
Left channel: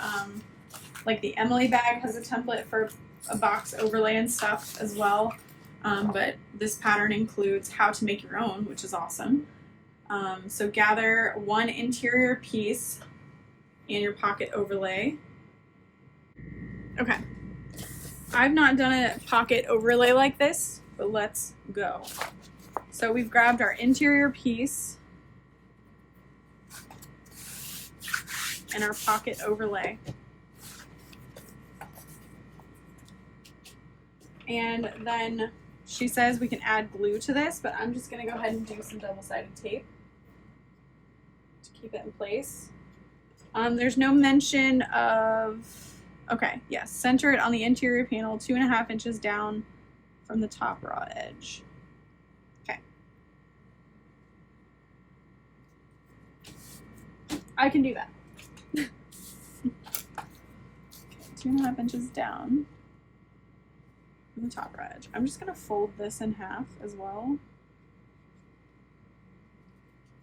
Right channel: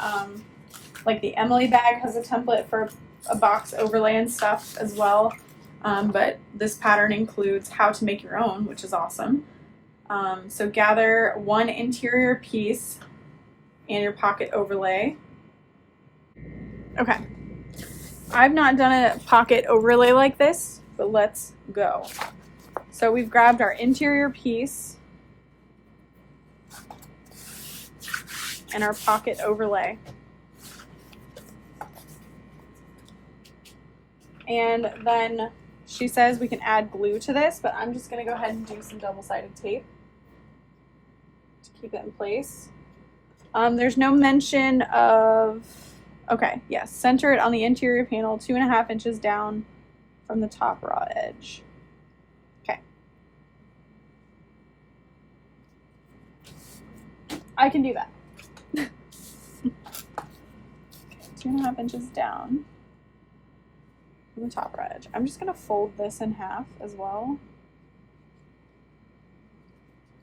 like the Emily bag has a template for a box overlay and stuff as well, but this pattern includes how to make your own, which is awesome. So gather one interior piece and your pocket overlay. Okay, I've not done a pocket overlay like this, but let's go. So we've grabbed our interior piece and our pocket overlay. And then she says we can add glue to this, but I'm just going to go ahead and do some double-sided tape to keep it in place. There's no mention of, okay, yes, center it on the interior panel 2.5 inches down from the top raw edge. Okay. I can do that. Okay, 2.5 inches down from the top raw edge. I'm just going to fold this in half as well.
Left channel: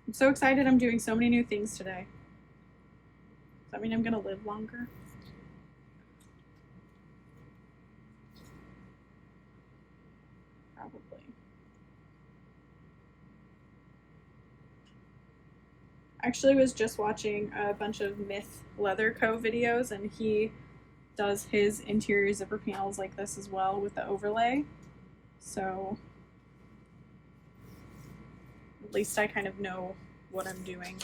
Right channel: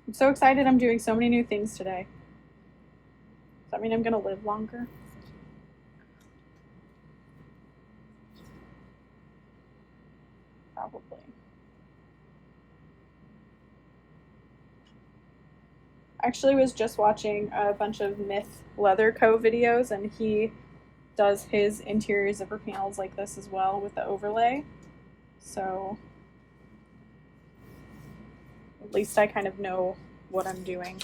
I'm so excited I'm doing so many new things today. Does that mean I'm going to live longer? Probably. I actually was just watching a bunch of Myth Leather Co. videos, and he does his interior zipper panels like this as well with the overlay. So at least I kind of know what I'm doing.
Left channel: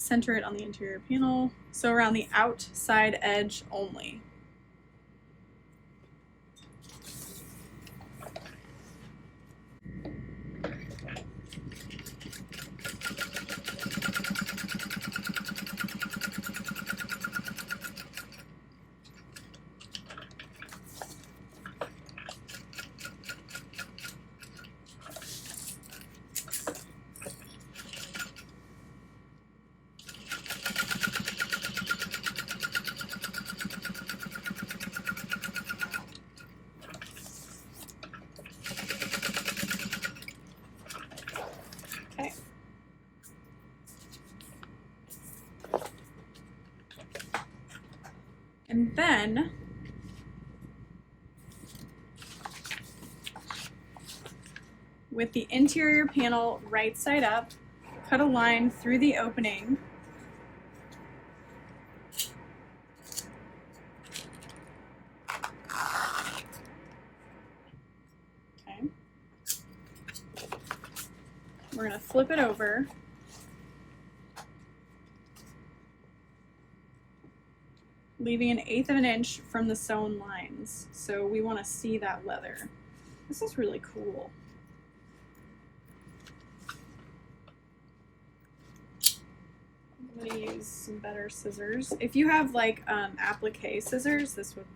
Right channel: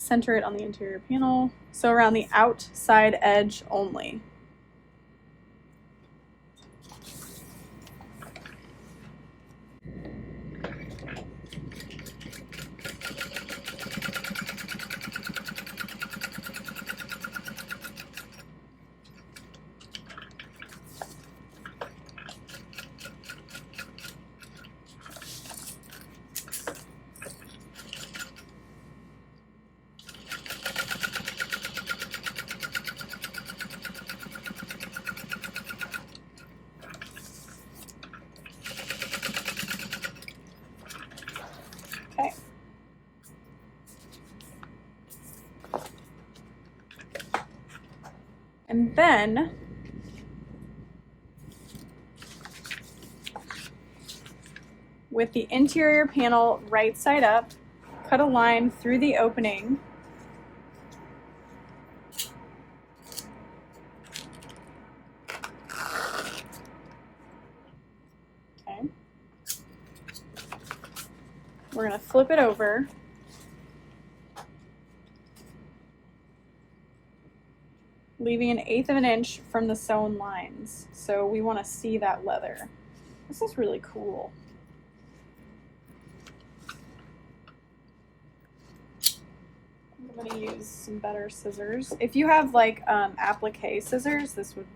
Center it on the interior panel, so around the outside edge only. And then with the interior panel right side up, cut a line through the opening . Okay. We're going to flip it over. Leaving 1/8 of an inch from the sewn lines. So we want to see that leather. This is really cool. I'm going to use some better scissors. If you have like applique scissors, this would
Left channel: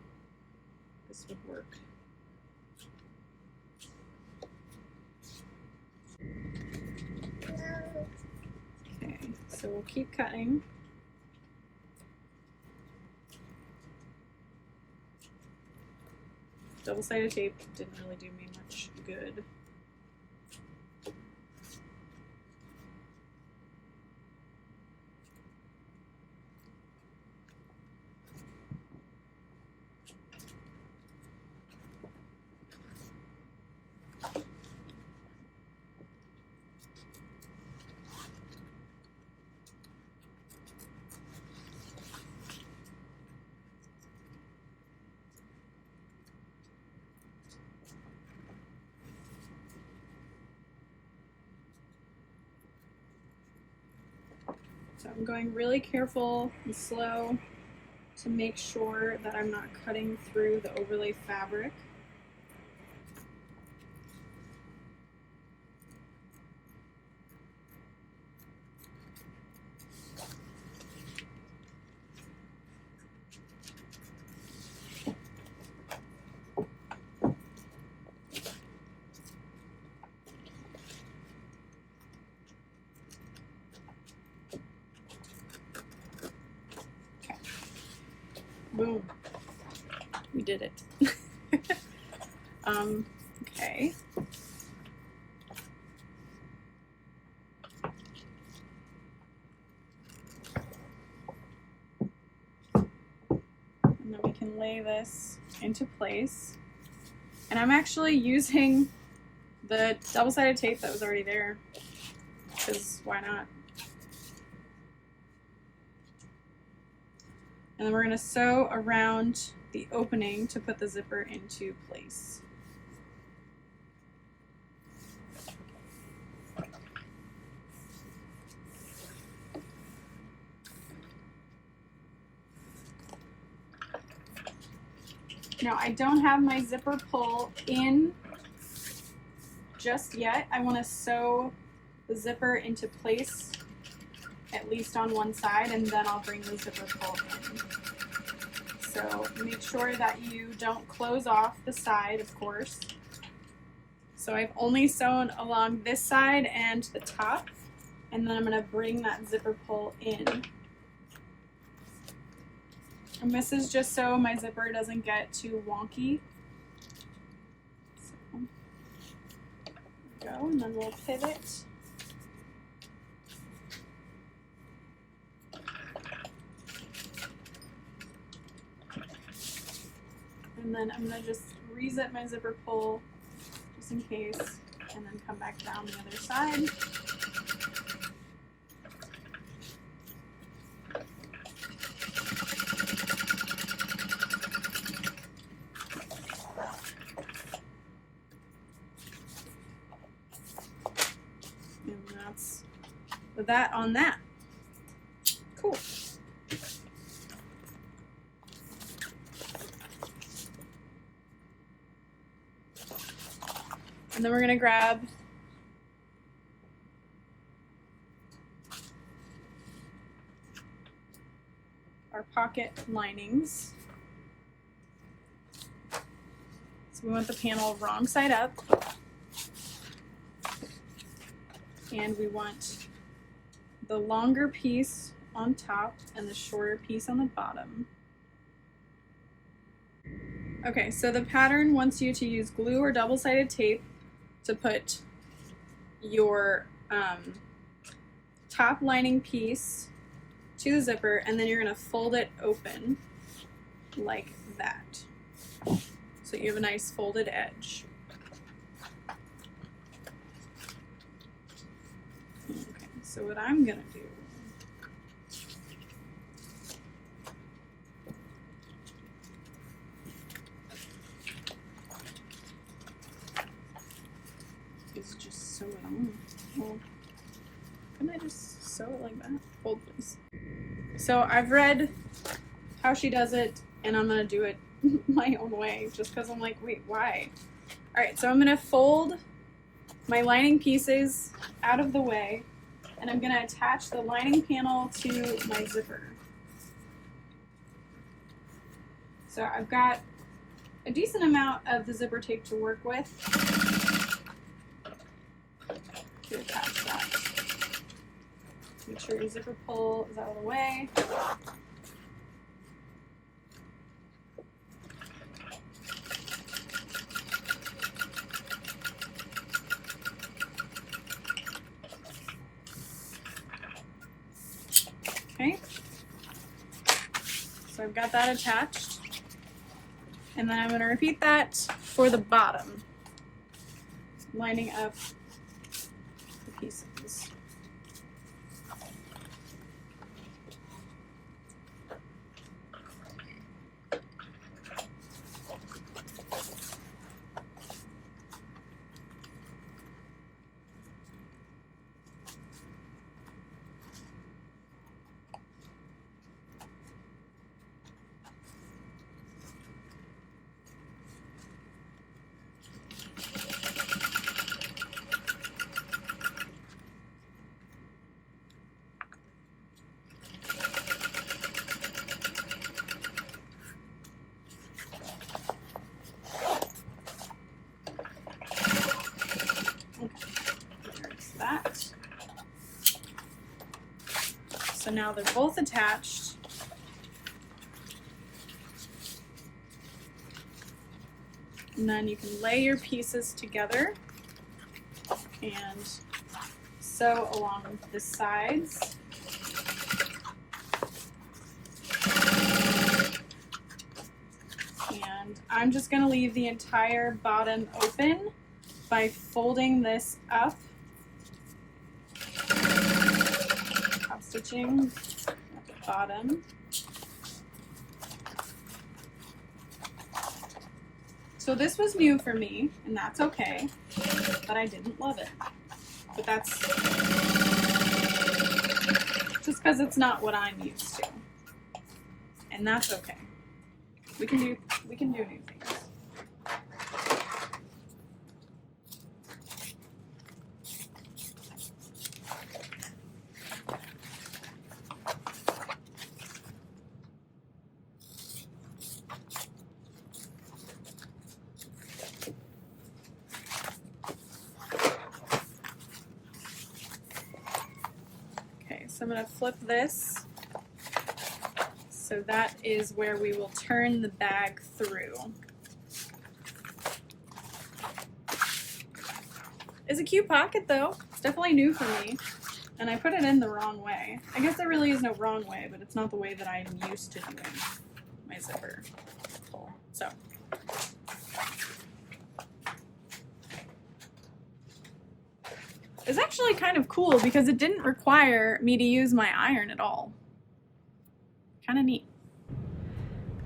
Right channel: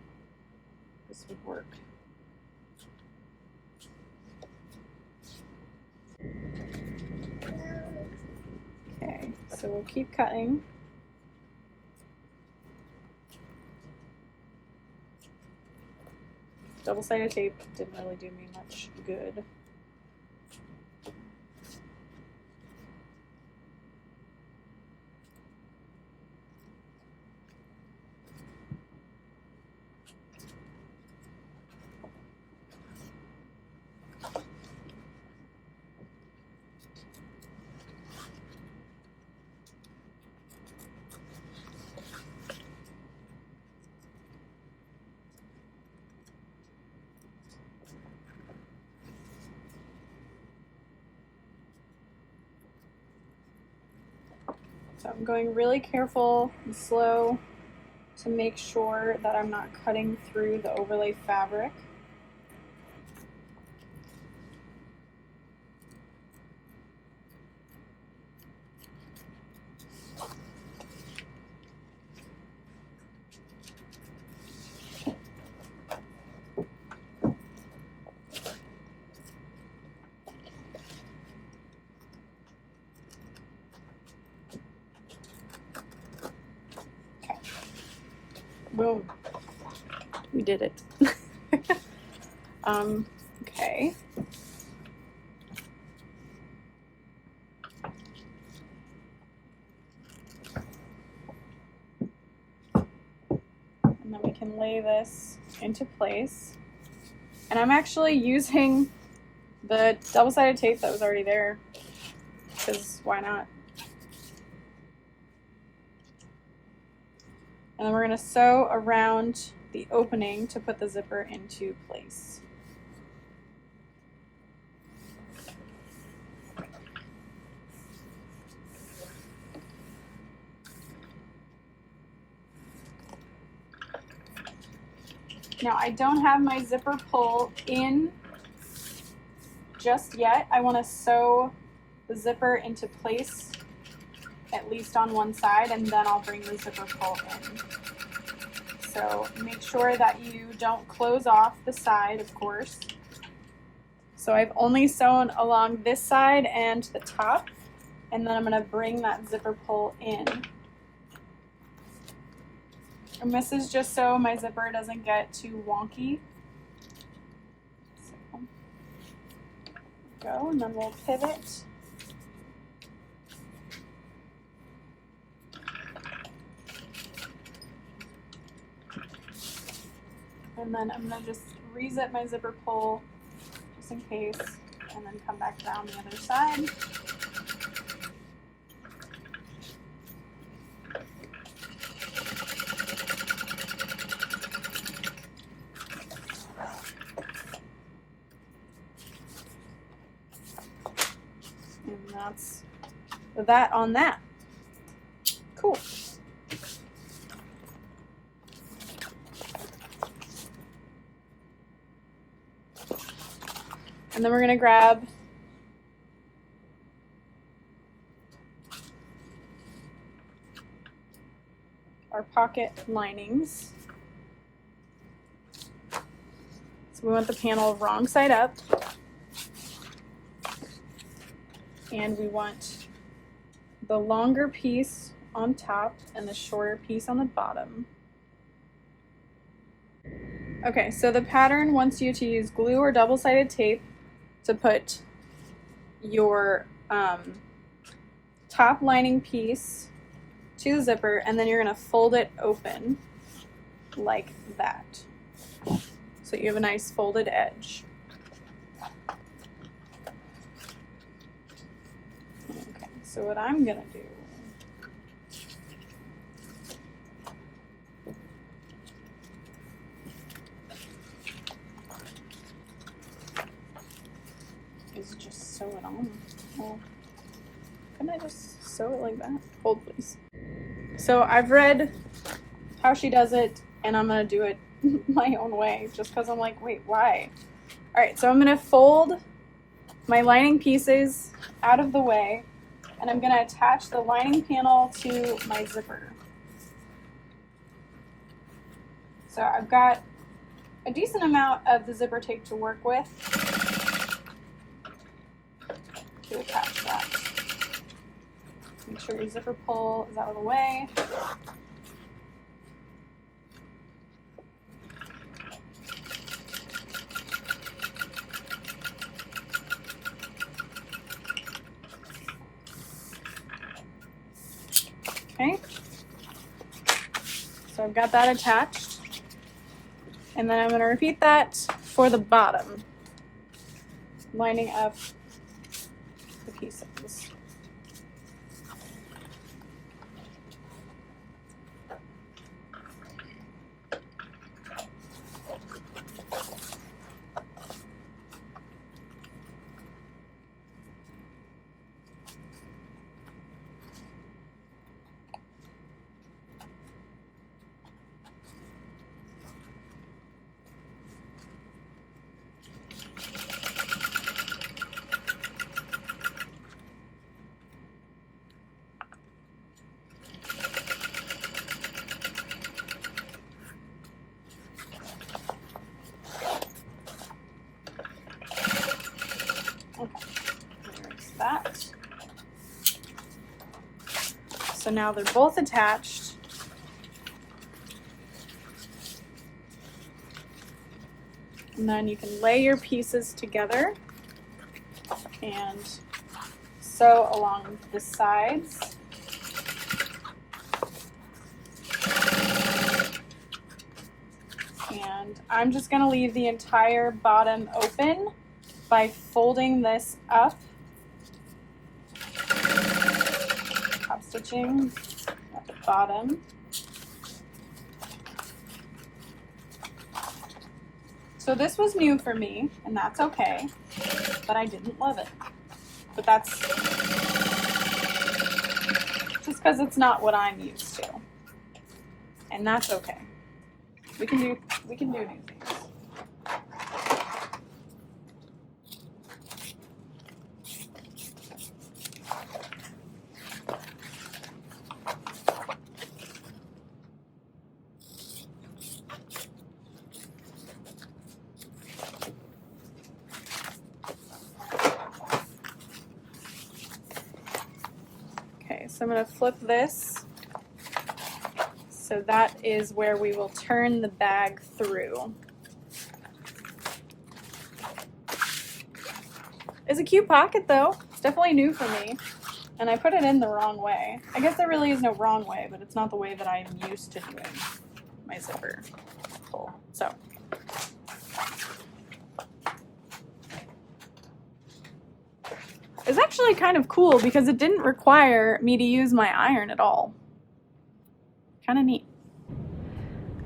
work. So we'll keep cutting. Double-sided tape didn't really do me much good. So I'm going really careful and slow to make sure that I'm not cutting through the overlay fabric. Boom. We did it. Okay. And then we can lay this into place. And I'm actually using the double-sided tape that was already there, because why not? And then we're going to sew around the opening to put the zipper into place. Now I don't have my zipper pull in just yet. I want to sew the zipper into place at least on one side, and then I'll bring the zipper pull in. So make sure that you don't close off the side, of course. So I've only sewn along this side and the top, and then I'm going to bring that zipper pull in. And this is just so my zipper doesn't get too wonky. So, go, and then we'll pivot. And then I'm going to just re-zip my zipper pull just in case, and then come back down the other side. And that's that on that. Cool. And then we're going to grab our pocket linings. So we want the panel wrong side up. And we want the longer piece on top and the shorter piece on the bottom. Okay, so the pattern wants you to use glue or double-sided tape to put your top lining piece to the zipper, and then you're going to fold it open like that. So you have a nice folded edge. Okay, so what I'm going to do is just sew it on. Well, can I just sew it like that? Hold please. So I've read how she does it, and I'm going to do it my own way just because I'm like, wait, why? Alright, so I'm going to fold my lining pieces out of the way, and I'm going to attach the lining panel to my zipper. So I've got a decent amount of the zipper tape to work with to attach that. Make sure your zipper pull is out of the way. Okay, so I've got that attached, and then I'm going to repeat that for the bottom, lining up the pieces. So now they're both attached. And then you can lay your pieces together and sew along the sides. And I'm just going to leave the entire bottom open by folding this up. Stitching at the bottom. So this was new for me, and that's okay, but I didn't love it. But that's just because it's not what I'm used to, and that's okay. We can do new things. So I'm going to flip this, so that is where we will turn the bag through. It's a cute pocket though, it's definitely new for me, and I put it in the wrong way. I guess there really is no wrong way, but it's not the way that I'm used to doing my zipper pull. So. It's actually kind of cool because it didn't require me to use my iron at all. Kind of neat.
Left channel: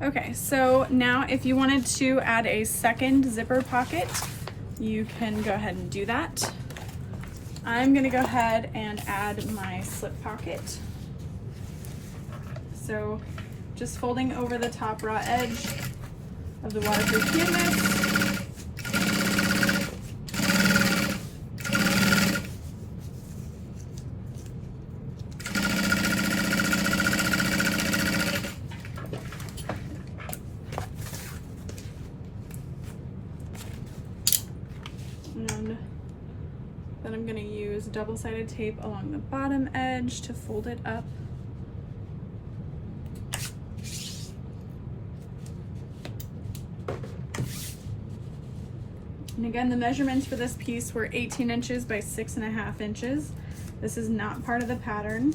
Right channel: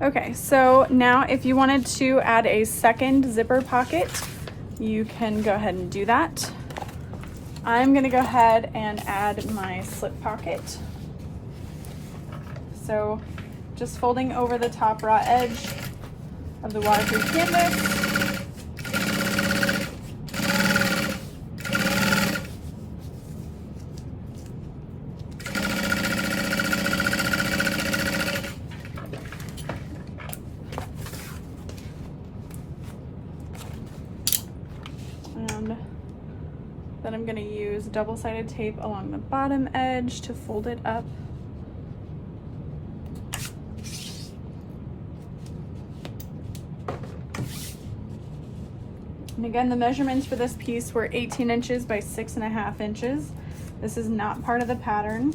Okay, so now if you wanted to add a second zipper pocket, you can go ahead and do that. I'm gonna go ahead and add my slip pocket. So just folding over the top raw edge of the waterproof canvas. And then I'm going to use double-sided tape along the bottom edge to fold it up. And again, the measurements for this piece were 18 inches by 6.5 inches. This is not part of the pattern,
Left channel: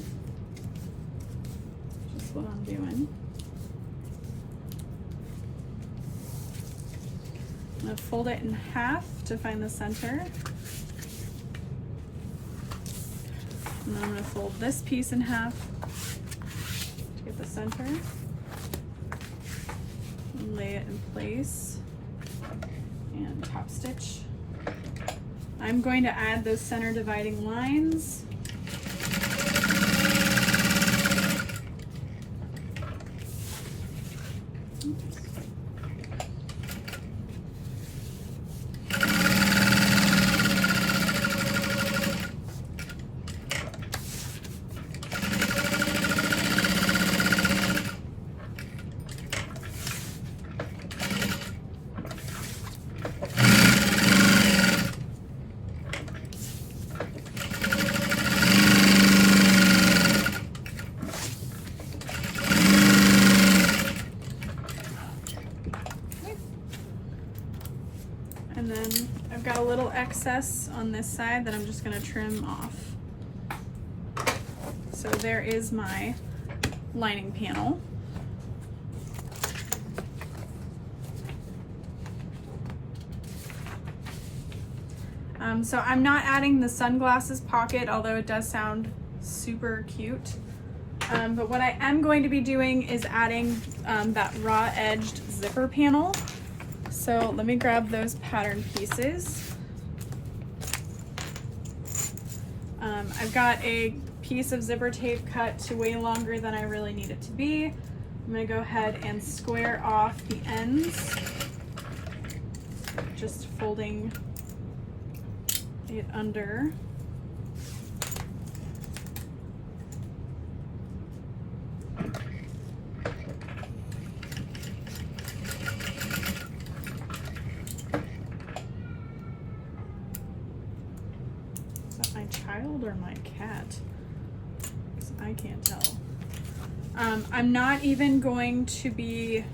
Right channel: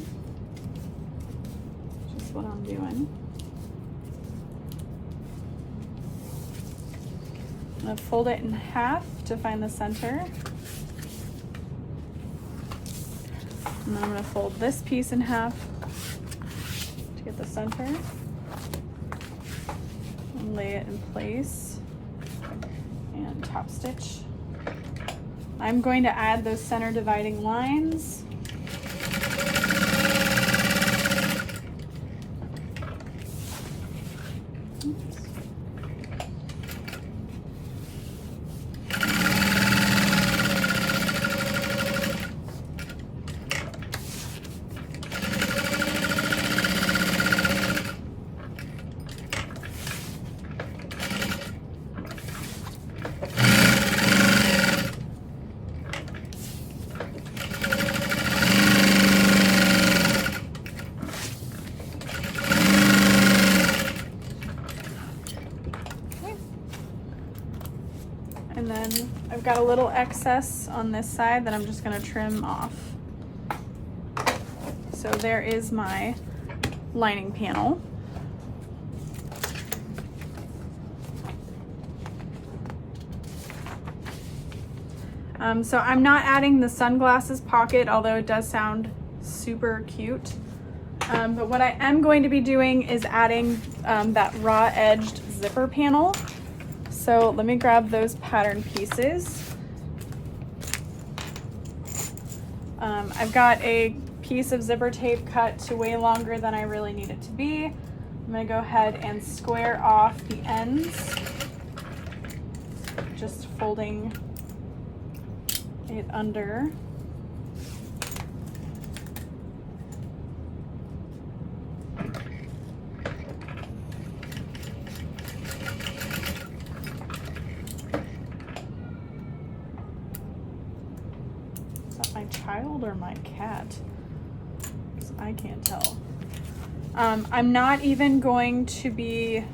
just what I'm doing. I'm going to fold it in half to find the center. And then I'm going to fold this piece in half to get the center. And lay it in place and top stitch. I'm going to add those center dividing lines. I've got a little excess on this side that I'm just gonna trim off. So there is my lining panel. So I'm not adding the sunglasses pocket, although it does sound super cute. But what I am going to be doing is adding that raw edged zipper panel. So let me grab those pattern pieces. I've got a piece of zipper tape cut to way longer than I really need it to be. I'm gonna go ahead and square off the ends, just folding it under. Is that my child or my cat? Because I can't tell. I'm not even going to be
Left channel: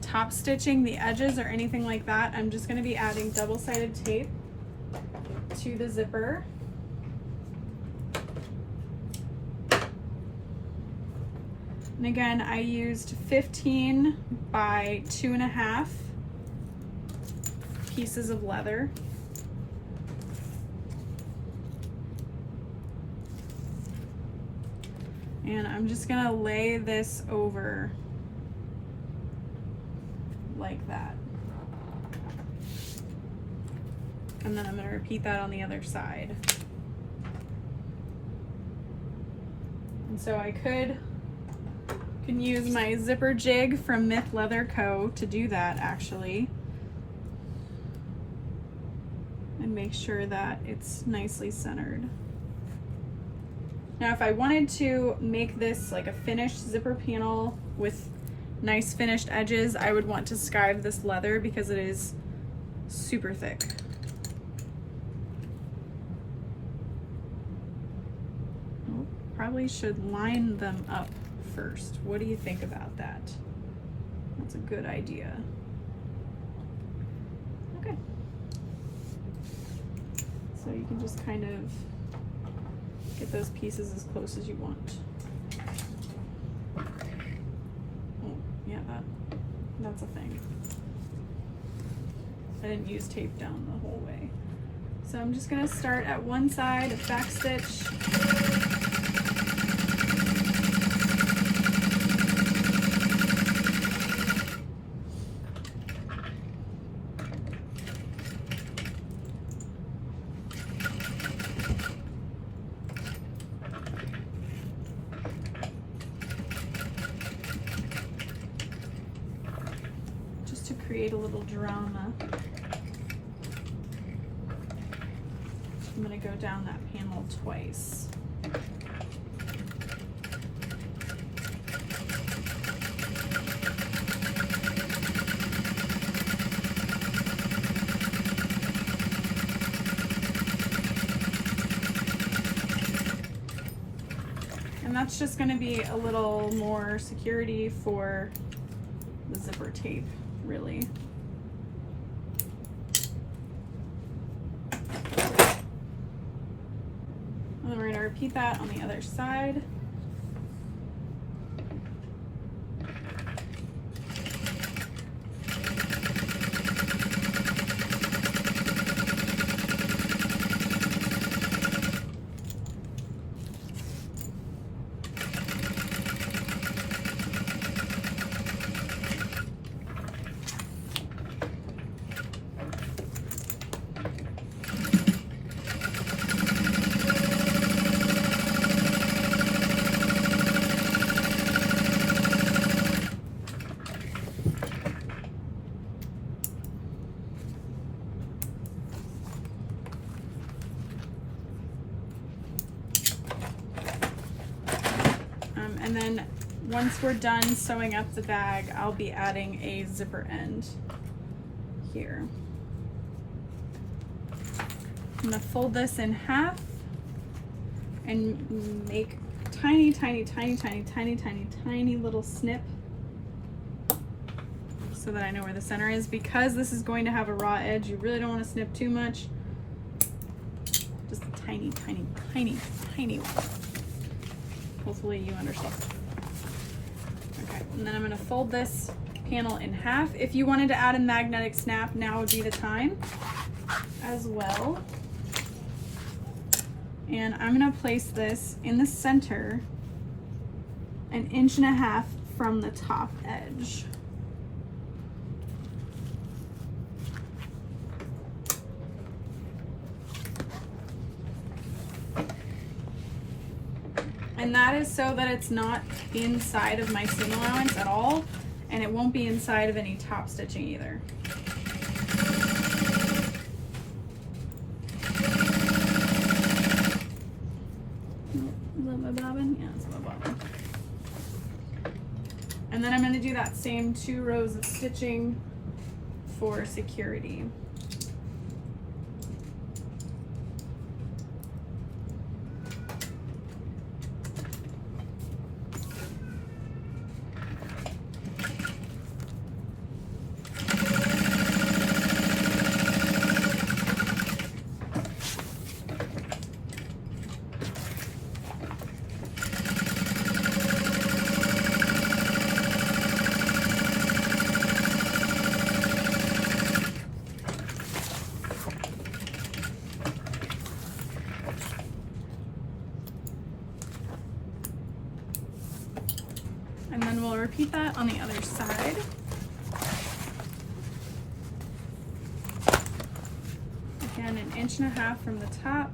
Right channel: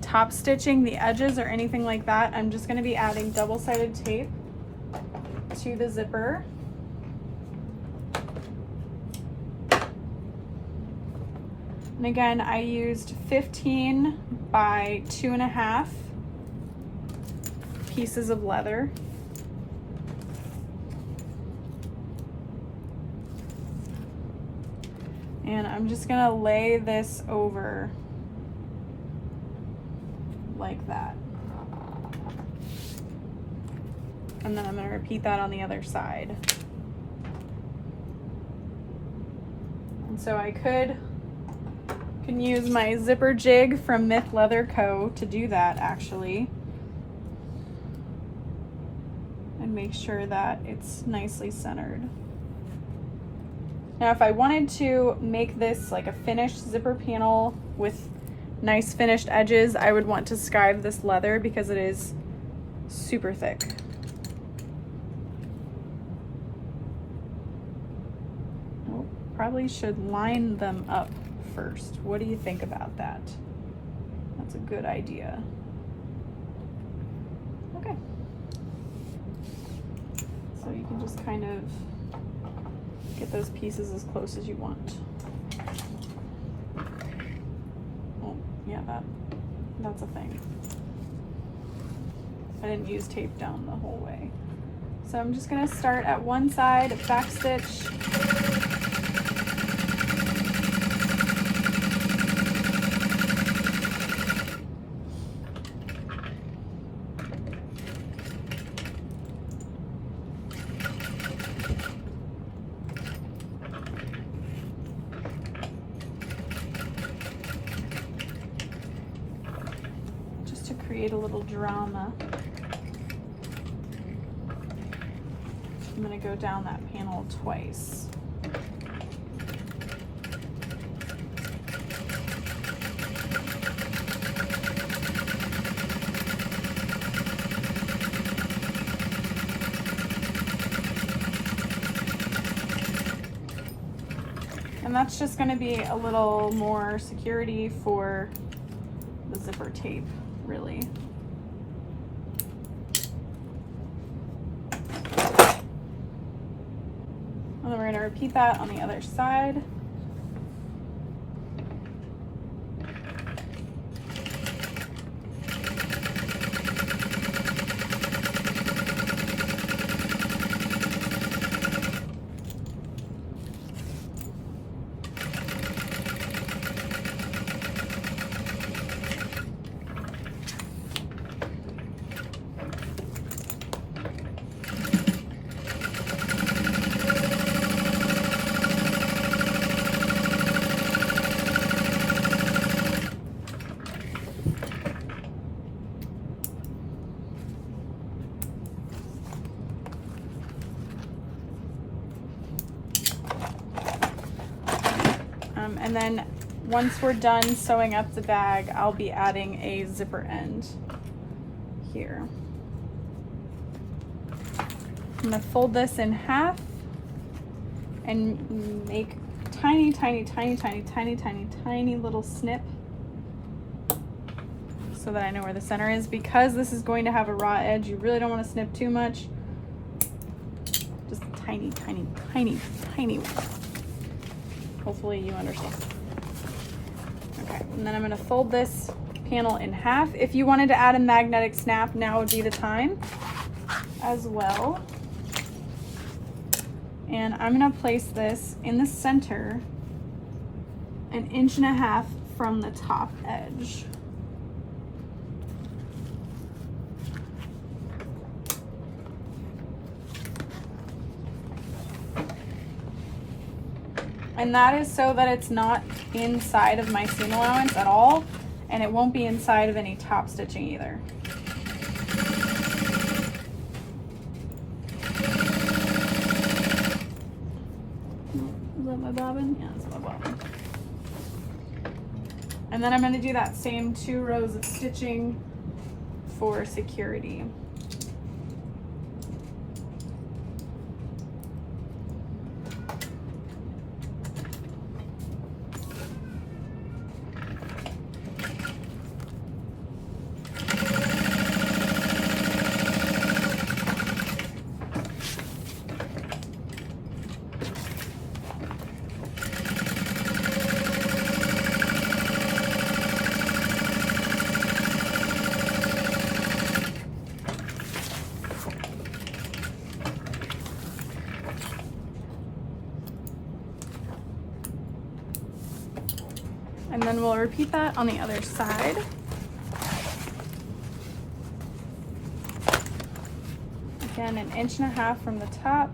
top stitching the edges or anything like that. I'm just going to be adding double-sided tape to the zipper. And again, I used 15 by 2.5 pieces of leather. And I'm just gonna lay this over like that. And then I'm gonna repeat that on the other side. And so I can use my zipper jig from Myth Leather Co. to do that actually. And make sure that it's nicely centered. Now if I wanted to make this like a finished zipper panel with nice finished edges, I would want to skive this leather because it is super thick. Oh, probably should line them up first. What do you think about that? That's a good idea. Okay. So you can just kind of get those pieces as close as you want. Yeah, that's a thing. I didn't use tape down the whole way. So I'm just gonna start at one side, back stitch. Create a little drama. I'm going to go down that panel twice. And that's just going to be a little more security for the zipper tape. Really. And then we're going to repeat that on the other side. And then once we're done sewing up the bag, I'll be adding a zipper end here. I'm gonna fold this in half and make tiny little snip. So so that I know where the center is. Because this is going to have a raw edge, you really don't want to snip too much. Just a tiny, tiny, tiny, tiny one. Hopefully you understand. Okay, and then I'm going to fold this panel in half. If you wanted to add a magnetic snap, now would be the time as well. And I'm going to place this in the center, 1.5 inches from the top edge. And that is so that it's not inside of my seam allowance at all, and it won't be inside of any top stitching either. Is that my bobbin? Yeah, that's my bobbin. And then I'm going to do that same 2 rows of stitching for security. And then we'll repeat that on the other side. Again, 1.5 inches from the top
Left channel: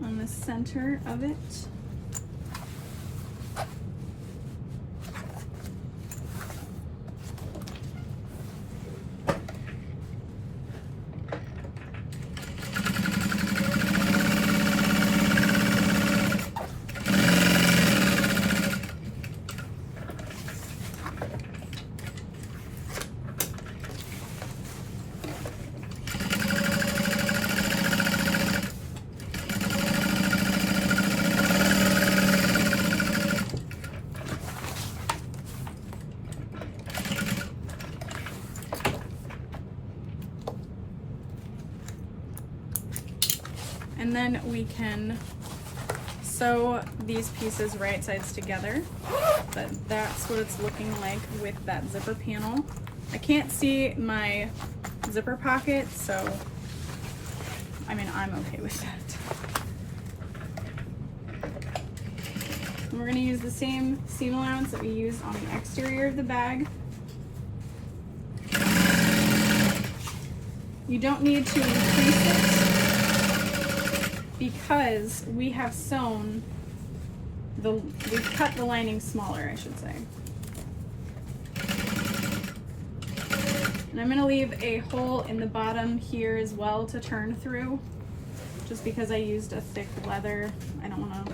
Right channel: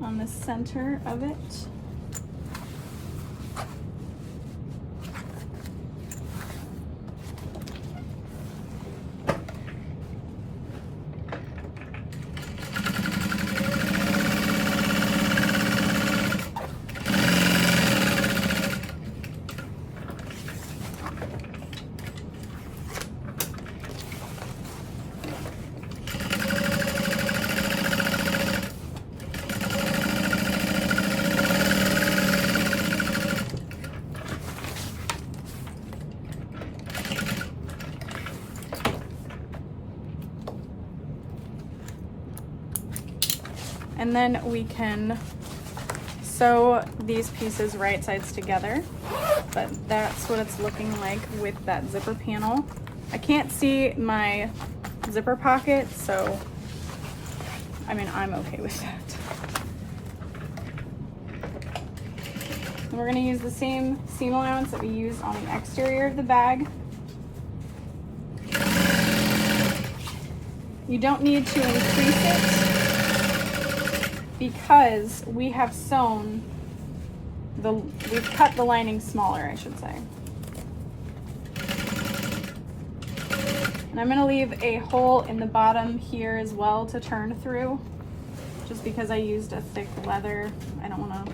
on the center of it. And then we can sew these pieces right sides together, but that's what it's looking like with that zipper panel. I can't see my zipper pocket, so I mean, I'm okay with that. And we're going to use the same seam allowance that we used on the exterior of the bag. You don't need to increase it, because we have sewn we've cut the lining smaller, I should say. And I'm going to leave a hole in the bottom here as well to turn through, just because I used a thick leather. I don't want to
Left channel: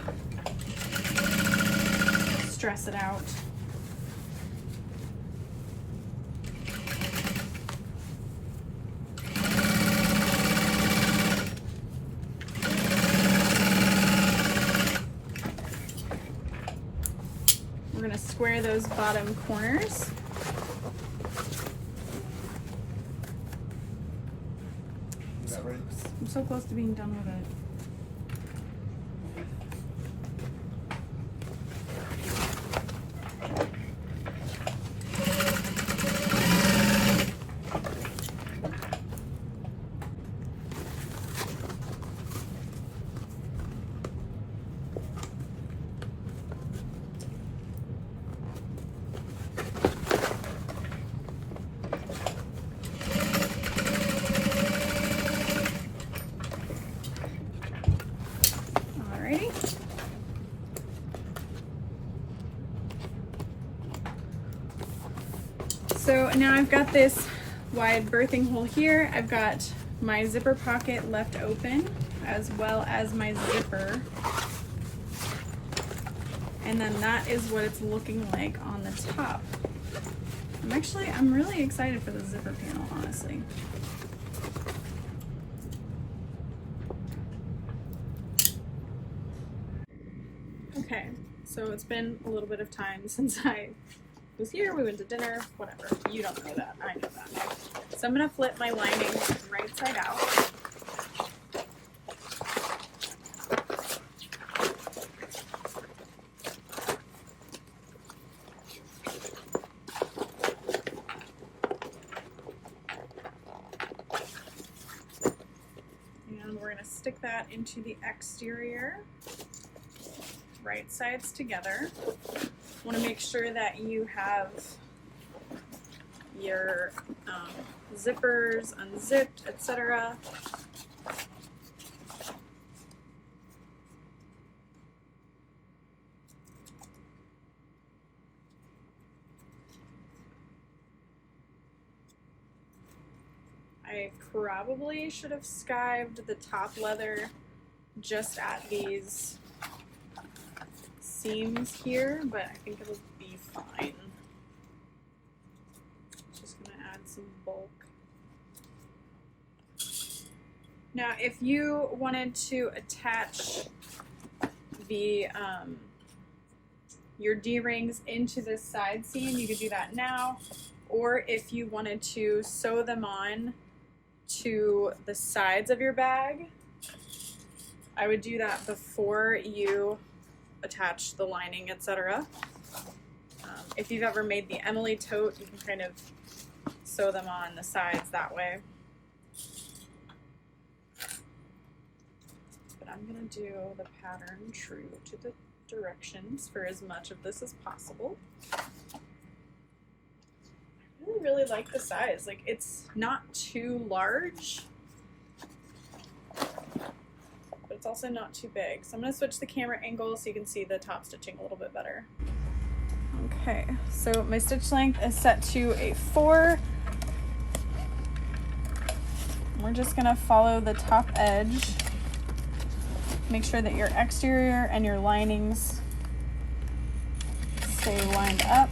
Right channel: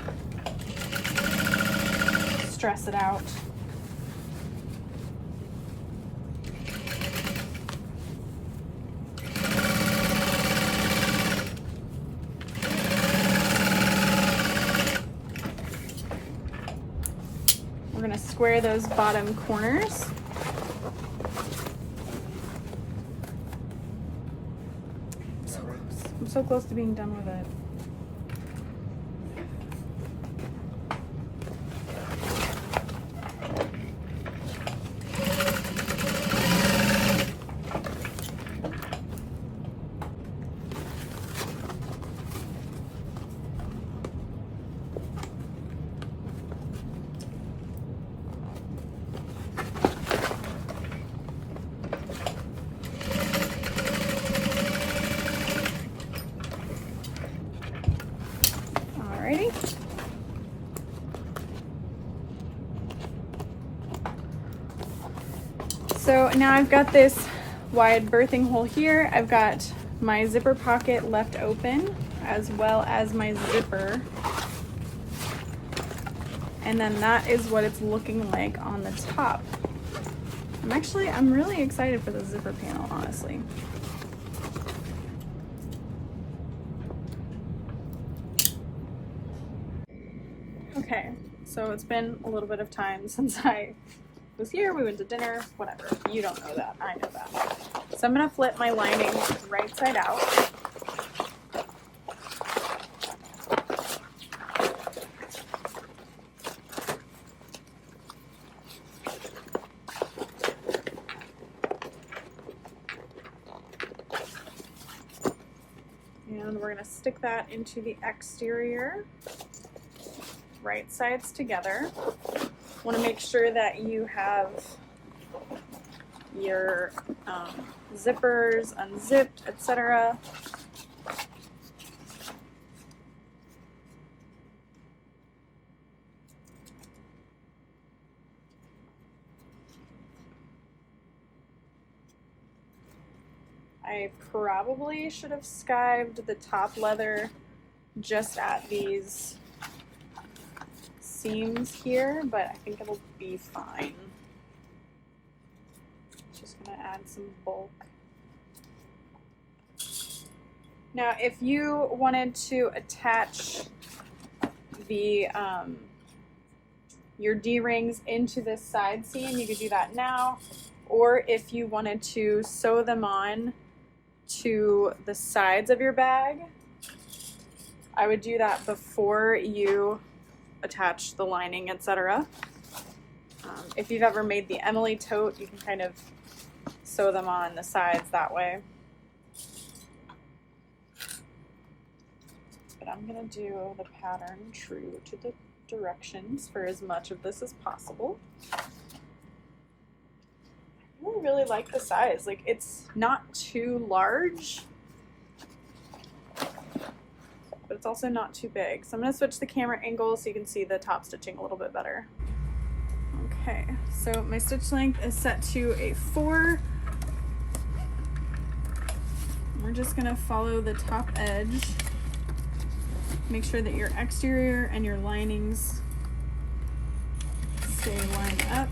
stress it out. Square those bottom corners. I'm so close to being done with it. So now I've got this wide birthing hole here. I've got my zipper pocket left open, as well as my zipper. And then that is what it's looking like on the top. I'm really excited for the zipper panel, honestly. Okay, so it's been a little bit of time since I was here, we went to dinner, whatever. You don't know that, I know that. So I'm gonna flip my lining right side out. And we're gonna stick that into the exterior, right sides together. Want to make sure that you have your zippers unzipped, etc. I probably should have skived the top leather just at these seams here, but I think it'll be fine. Just gonna add some bulk. Now, if you wanted to attach the your D-rings into this side seam, you could do that now, or if you wanted to sew them on to the sides of your bag, I would do that before you attach the lining, etc. If you've ever made the Emily tote, you can kind of sew them on the sides that way. But I'm gonna do the pattern true to the directions for as much of this as possible. I really like the size. Like, it's not too large, but it's also not too big. So I'm going to switch the camera angle so you can see the top stitching a little bit better. Okay, so my stitch length is set to a 4. We're just going to follow the top edge. Make sure that your exterior and your linings stay lined up.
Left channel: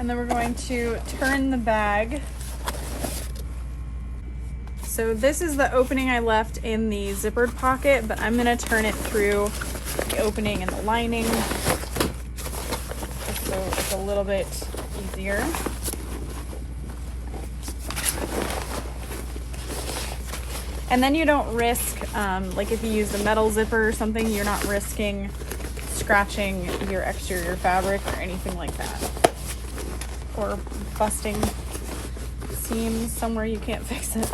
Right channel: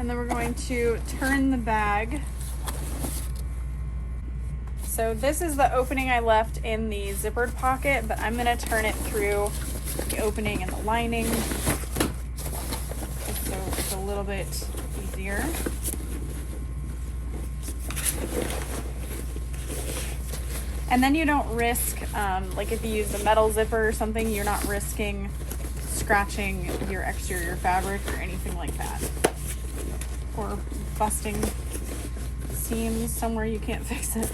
And then we're going to turn the bag. So this is the opening I left in the zippered pocket, but I'm gonna turn it through the opening in the lining, just so it's a little bit easier. And then you don't risk, like if you use a metal zipper or something, you're not risking scratching your exterior fabric or anything like that. Or busting seams somewhere you can't fix it.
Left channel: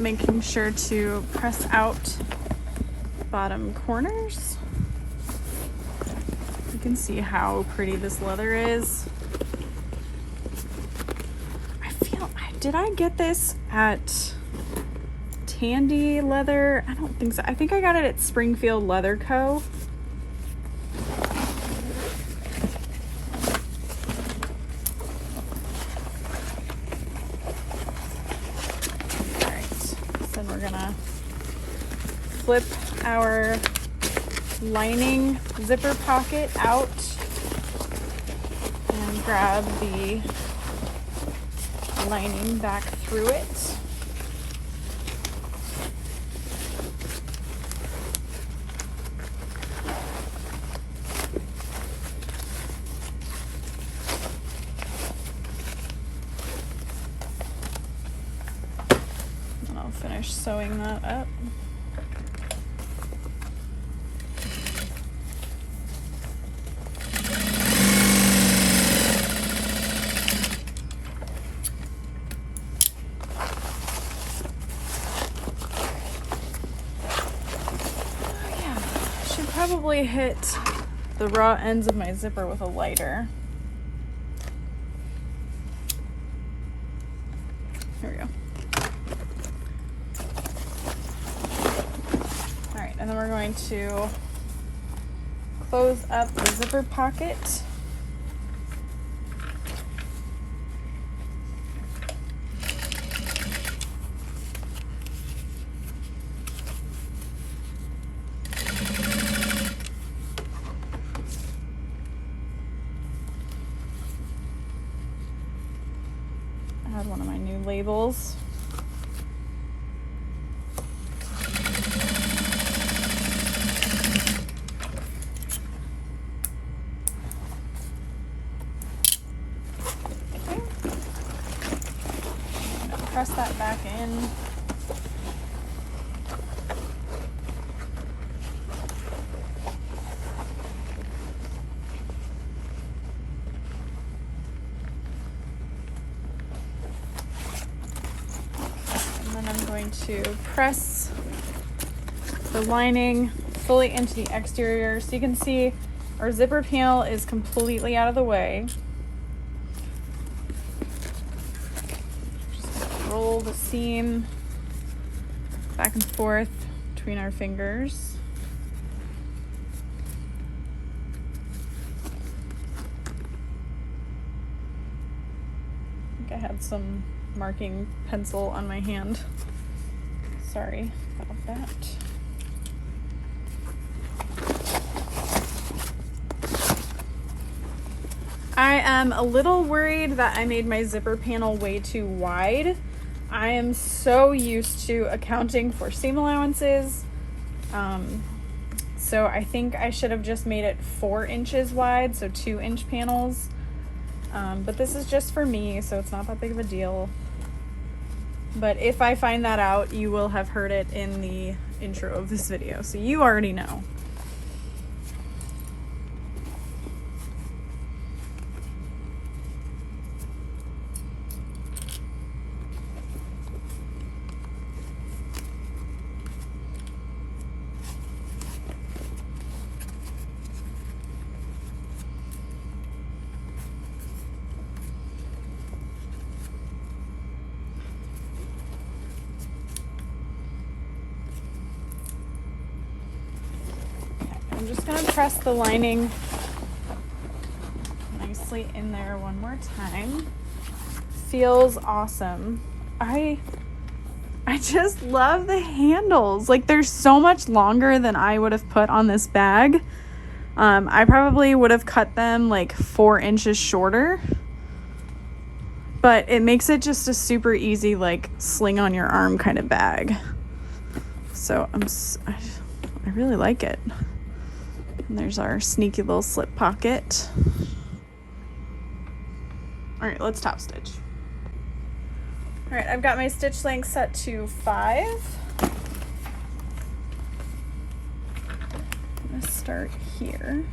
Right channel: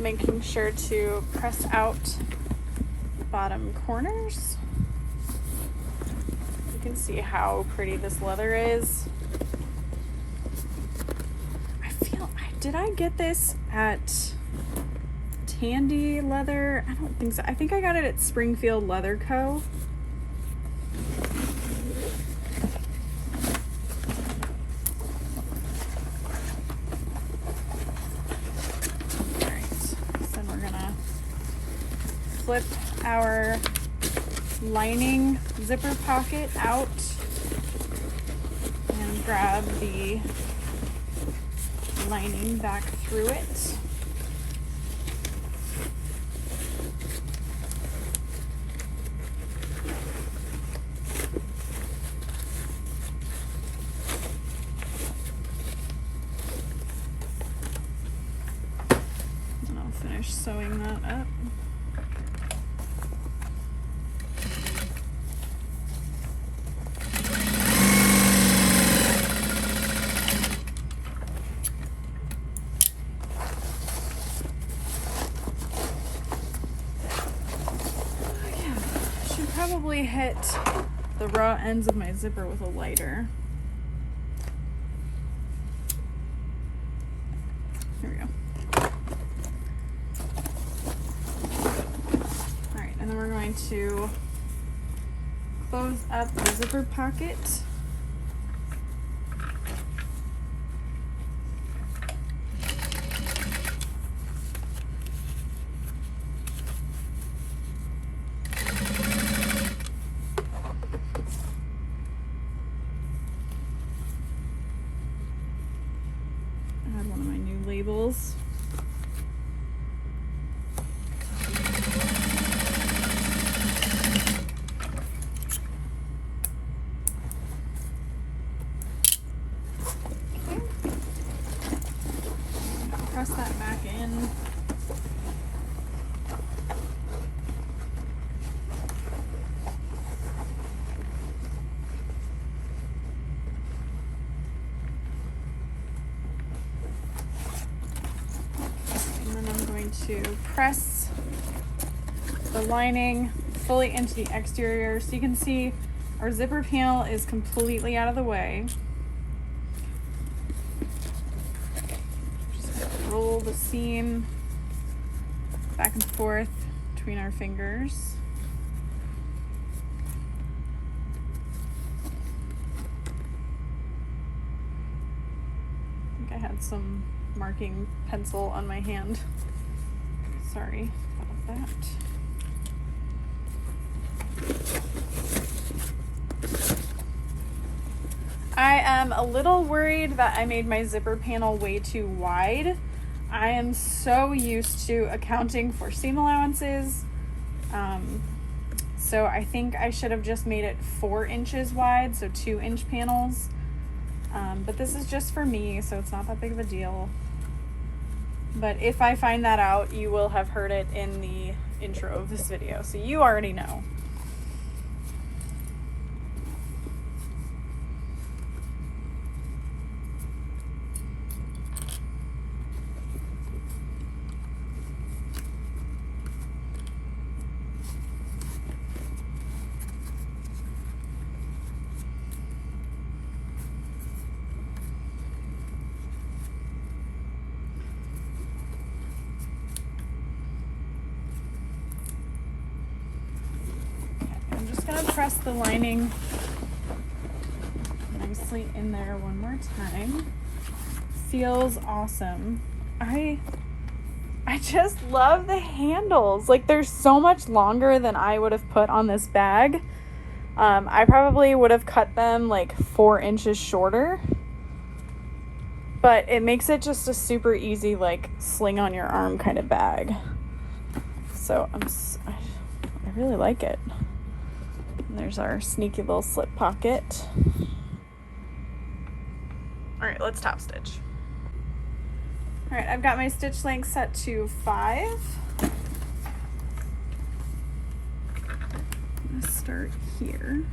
Making sure to press out bottom corners. You can see how pretty this leather is. Did I get this at Tandy Leather? I don't think so. I think I got it at Springfield Leather Co. Flip our lining zipper pocket out and grab the lining back through it. And I'll finish sewing that up. Hit the raw ends of my zipper with a lighter. Here we go. All right, and then we're going to close up the zipper pocket. One of my new labels. Okay. I'm gonna press that back in. To press the lining fully into the exterior, so you can see our zipper panel is completely out of the way. Just roll the seam back and forth between our fingers. I think I had some marking pencil on my hand. Sorry about that. I am a little worried that I made my zipper panel way too wide. I am so used to accounting for seam allowances. So I think I should have just made it 4 inches wide, so 2-inch panels. But this is just for me, so it's not that big of a deal. But if I find that out, you will have heard it in the intro of this video, so you already know. Press the lining nicely in there one more time. Feels awesome. I just love the handles. Like, they're so much longer than I would have put on this bag. I probably would have cut them like 4 inches shorter, but it makes it just a super easy, like, sling on your arm kind of bag. So I really like it. And there's our sneaky little slip pocket. All right, let's top stitch. All right, I've got my stitch length set to 5. I'm gonna start here.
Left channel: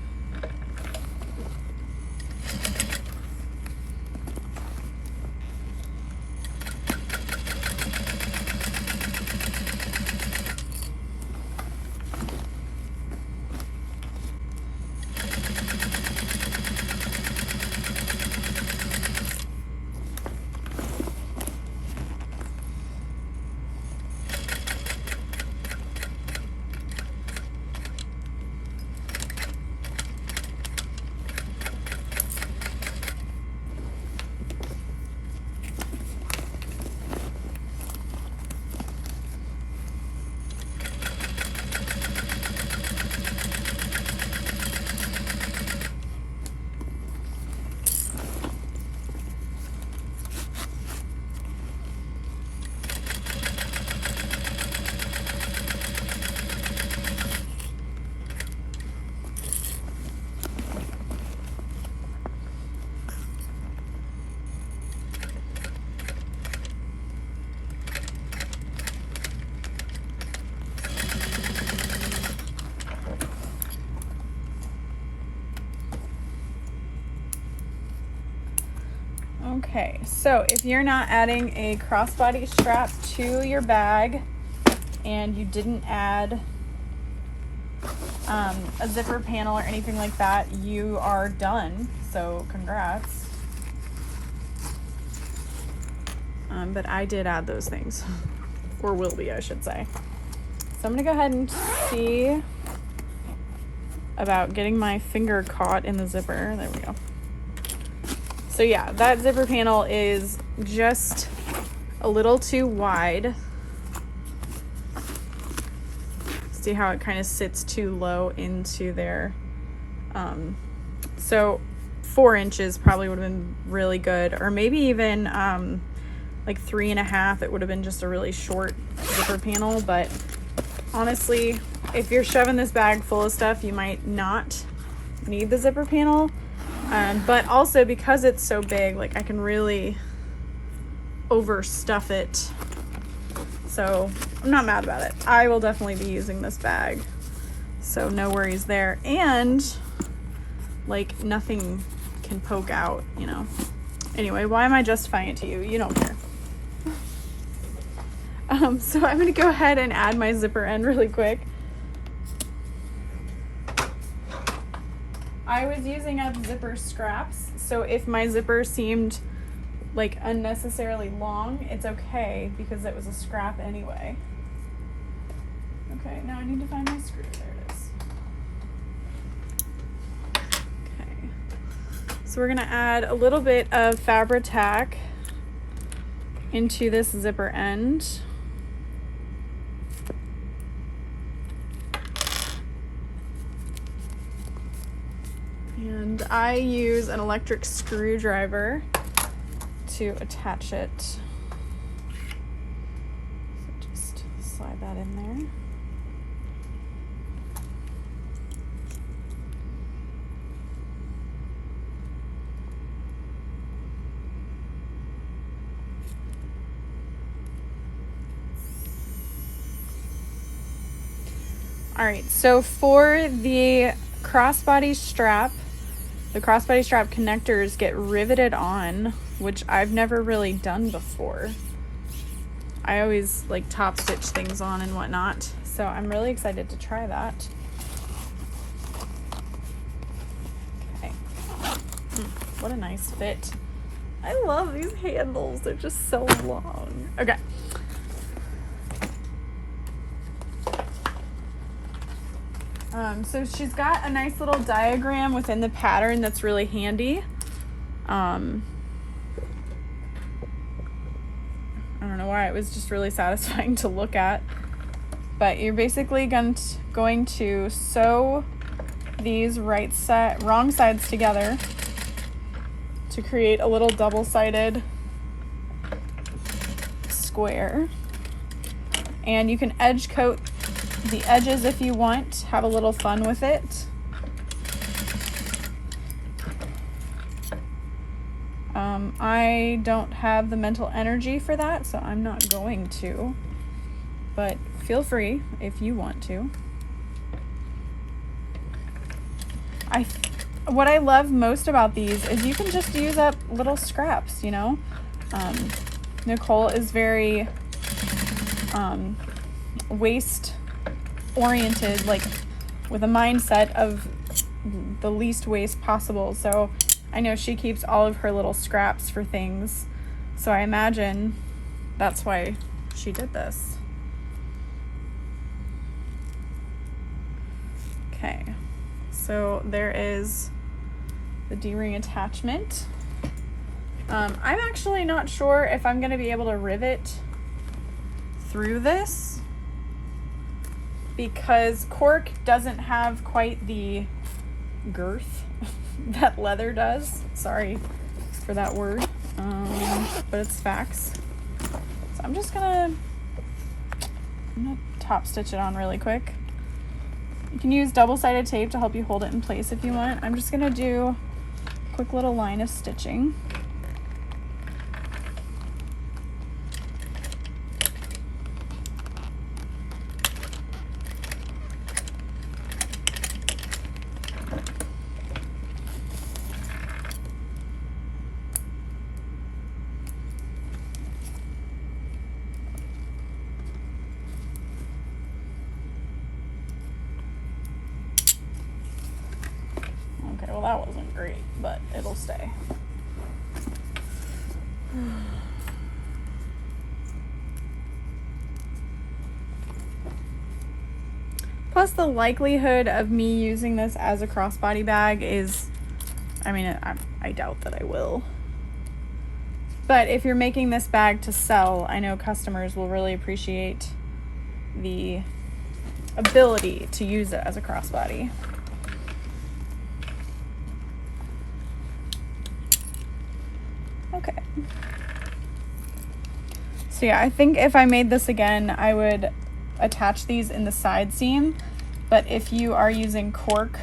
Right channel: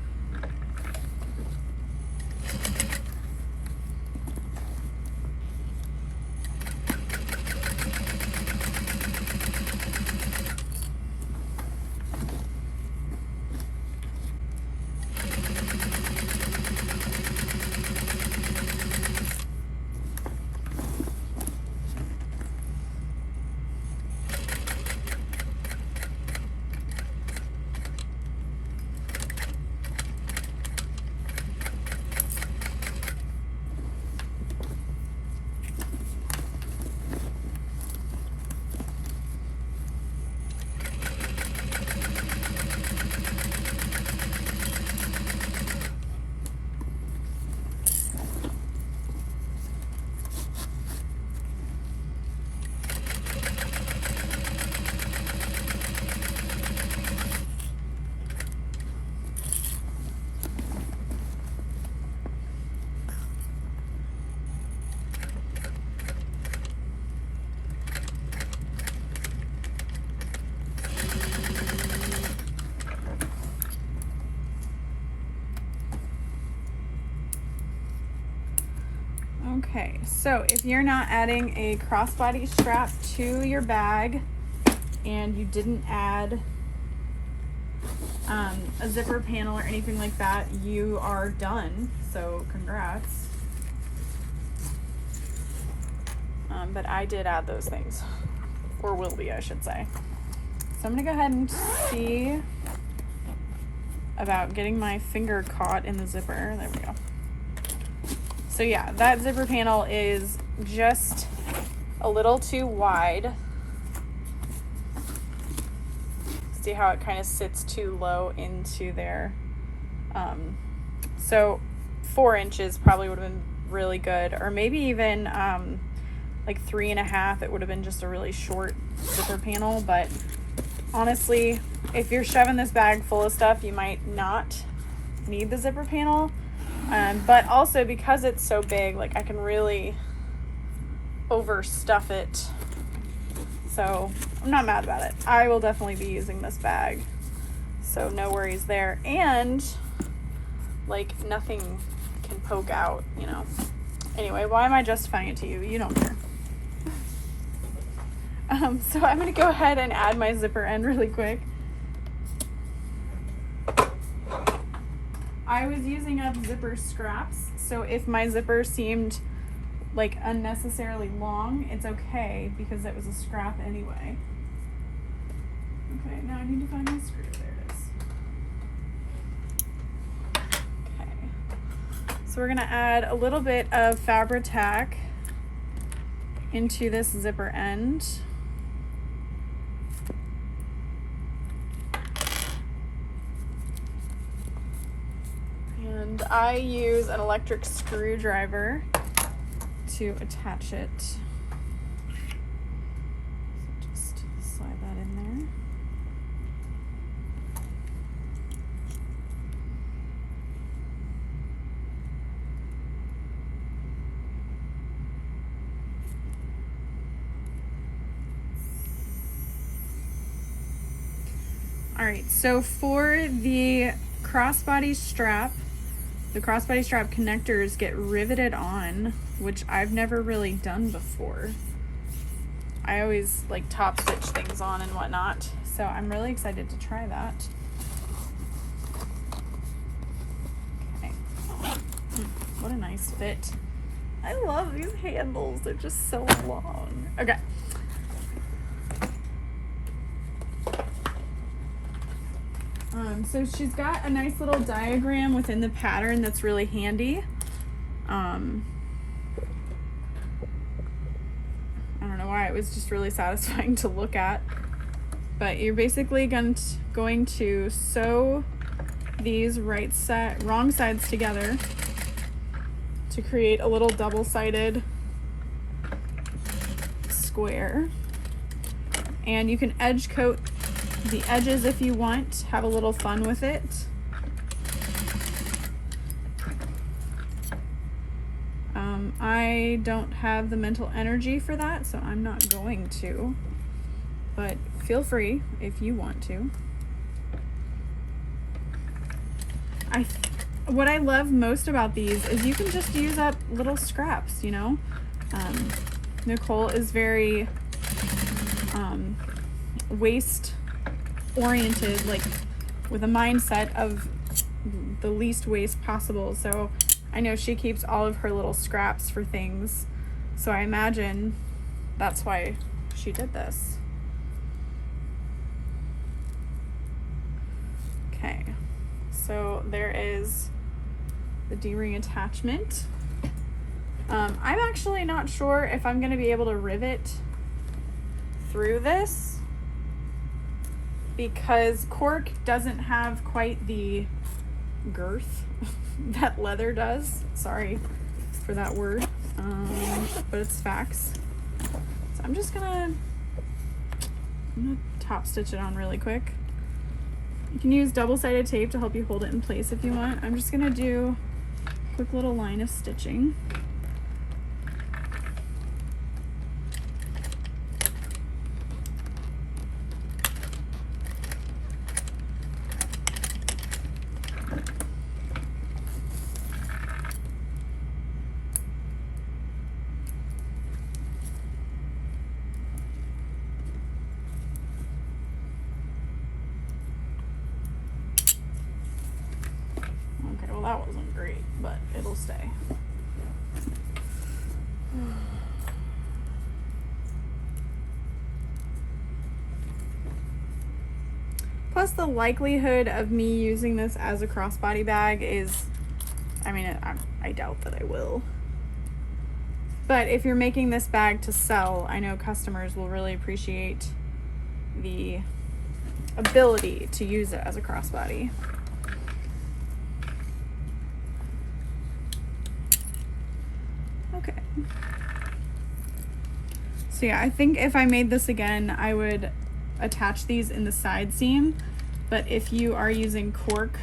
Okay, so if you're not adding a crossbody strap to your bag and you didn't add a zipper panel or anything like that, you are done. So congrats. But I did add those things, or will be, I should say. So I'm gonna go ahead and see about getting my finger caught in the zipper. There we go. So yeah, that zipper panel is just a little too wide. See how it kind of sits too low into there. So 4 inches probably would have been really good, or maybe even like 3.5. It would have been just a really short zipper panel. But honestly, if you're shoving this bag full of stuff, you might not need the zipper panel. But also because it's so big, like I can really overstuff it. So I'm not mad about it. I will definitely be using this bag, so no worries there. And like nothing can poke out, you know. Anyway, why am I justifying it to you? You don't care. So I'm gonna go ahead and add my zipper end really quick. I was using up zipper scraps, so if my zipper seemed like unnecessarily long, it's okay because it was a scrap anyway. Okay, now I need to find my screw. There it is. Okay, so we're gonna add a little bit of Fabri-Tac into this zipper end. And I use an electric screwdriver to attach it. So just slide that in there. All right, so for the crossbody strap, the crossbody strap connectors get riveted on, which I've never really done before. I always like top stitch things on and whatnot, so I'm really excited to try that. Okay. What a nice fit. I love these handles, they're just so long. Okay. So she's got a nice little diagram within the pattern that's really handy. I don't know why, it was just really satisfying to look at. But you're basically going to sew these wrong sides together to create a little double-sided square. And you can edge coat the edges if you want, have a little fun with it. I don't have the mental energy for that, so I'm not going to, but feel free if you want to. What I love most about these is you can just use up little scraps, you know. Nicole is very waste oriented, like with a mindset of the least waste possible, so I know she keeps all of her little scraps for things, so I imagine that's why she did this. Okay, so there is the D-ring attachment. I'm actually not sure if I'm going to be able to rivet through this because cork doesn't have quite the girth that leather does. Sorry for that word, but it's facts. So I'm gonna top stitch it on really quick. You can use double-sided tape to help you hold it in place if you want. I'm just gonna do a quick little line of stitching. Plus the likelihood of me using this as a crossbody bag is, I mean, I doubt that I will. But if you're making this bag to sell, I know customers will really appreciate the ability to use it as a crossbody. Okay. So yeah, I think if I made this again, I would attach these in the side seam. But if you are using cork,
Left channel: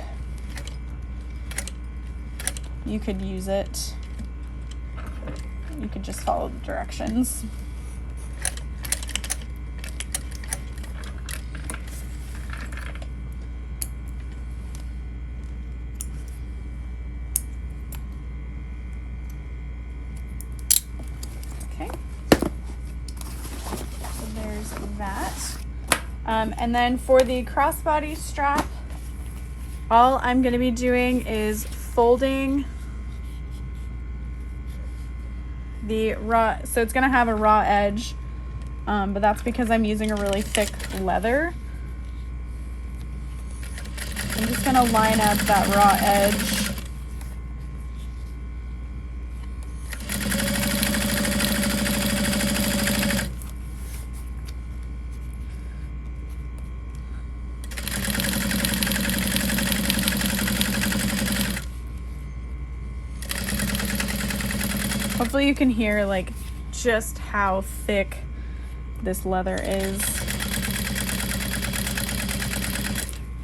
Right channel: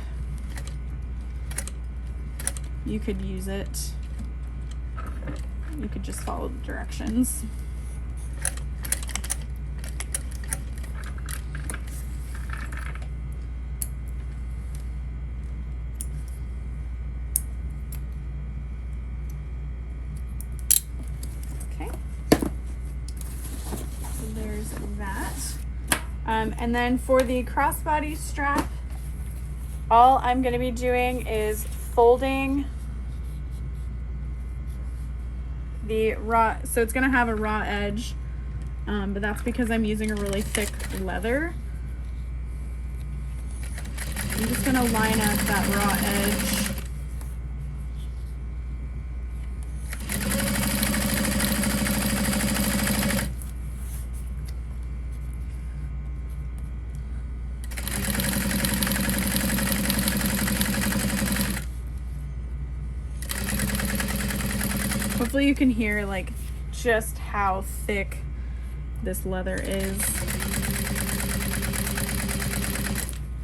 you could use it. You could just follow the directions. Okay. So there's that. And then for the crossbody strap, all I'm going to be doing is folding the raw, so it's going to have a raw edge, but that's because I'm using a really thick leather. I'm just going to line up that raw edge. Hopefully you can hear like just how thick this leather is.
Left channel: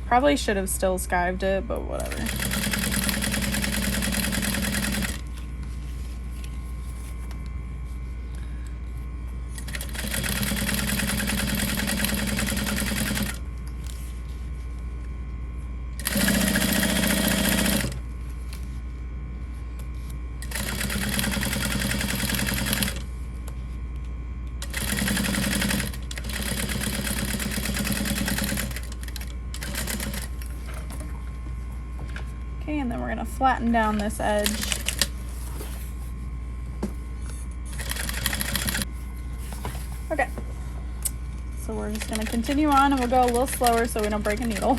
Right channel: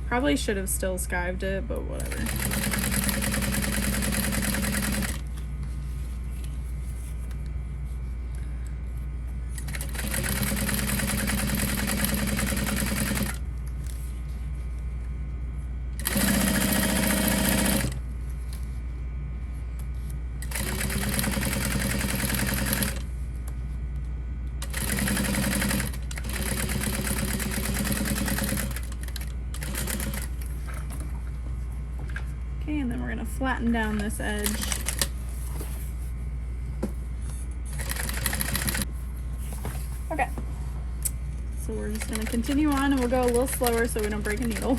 Probably should have still skived it, but whatever. Okay, and then we're going to flatten down this edge. Okay, so we're just going to continue on, and we'll go a little slower so we don't break a needle.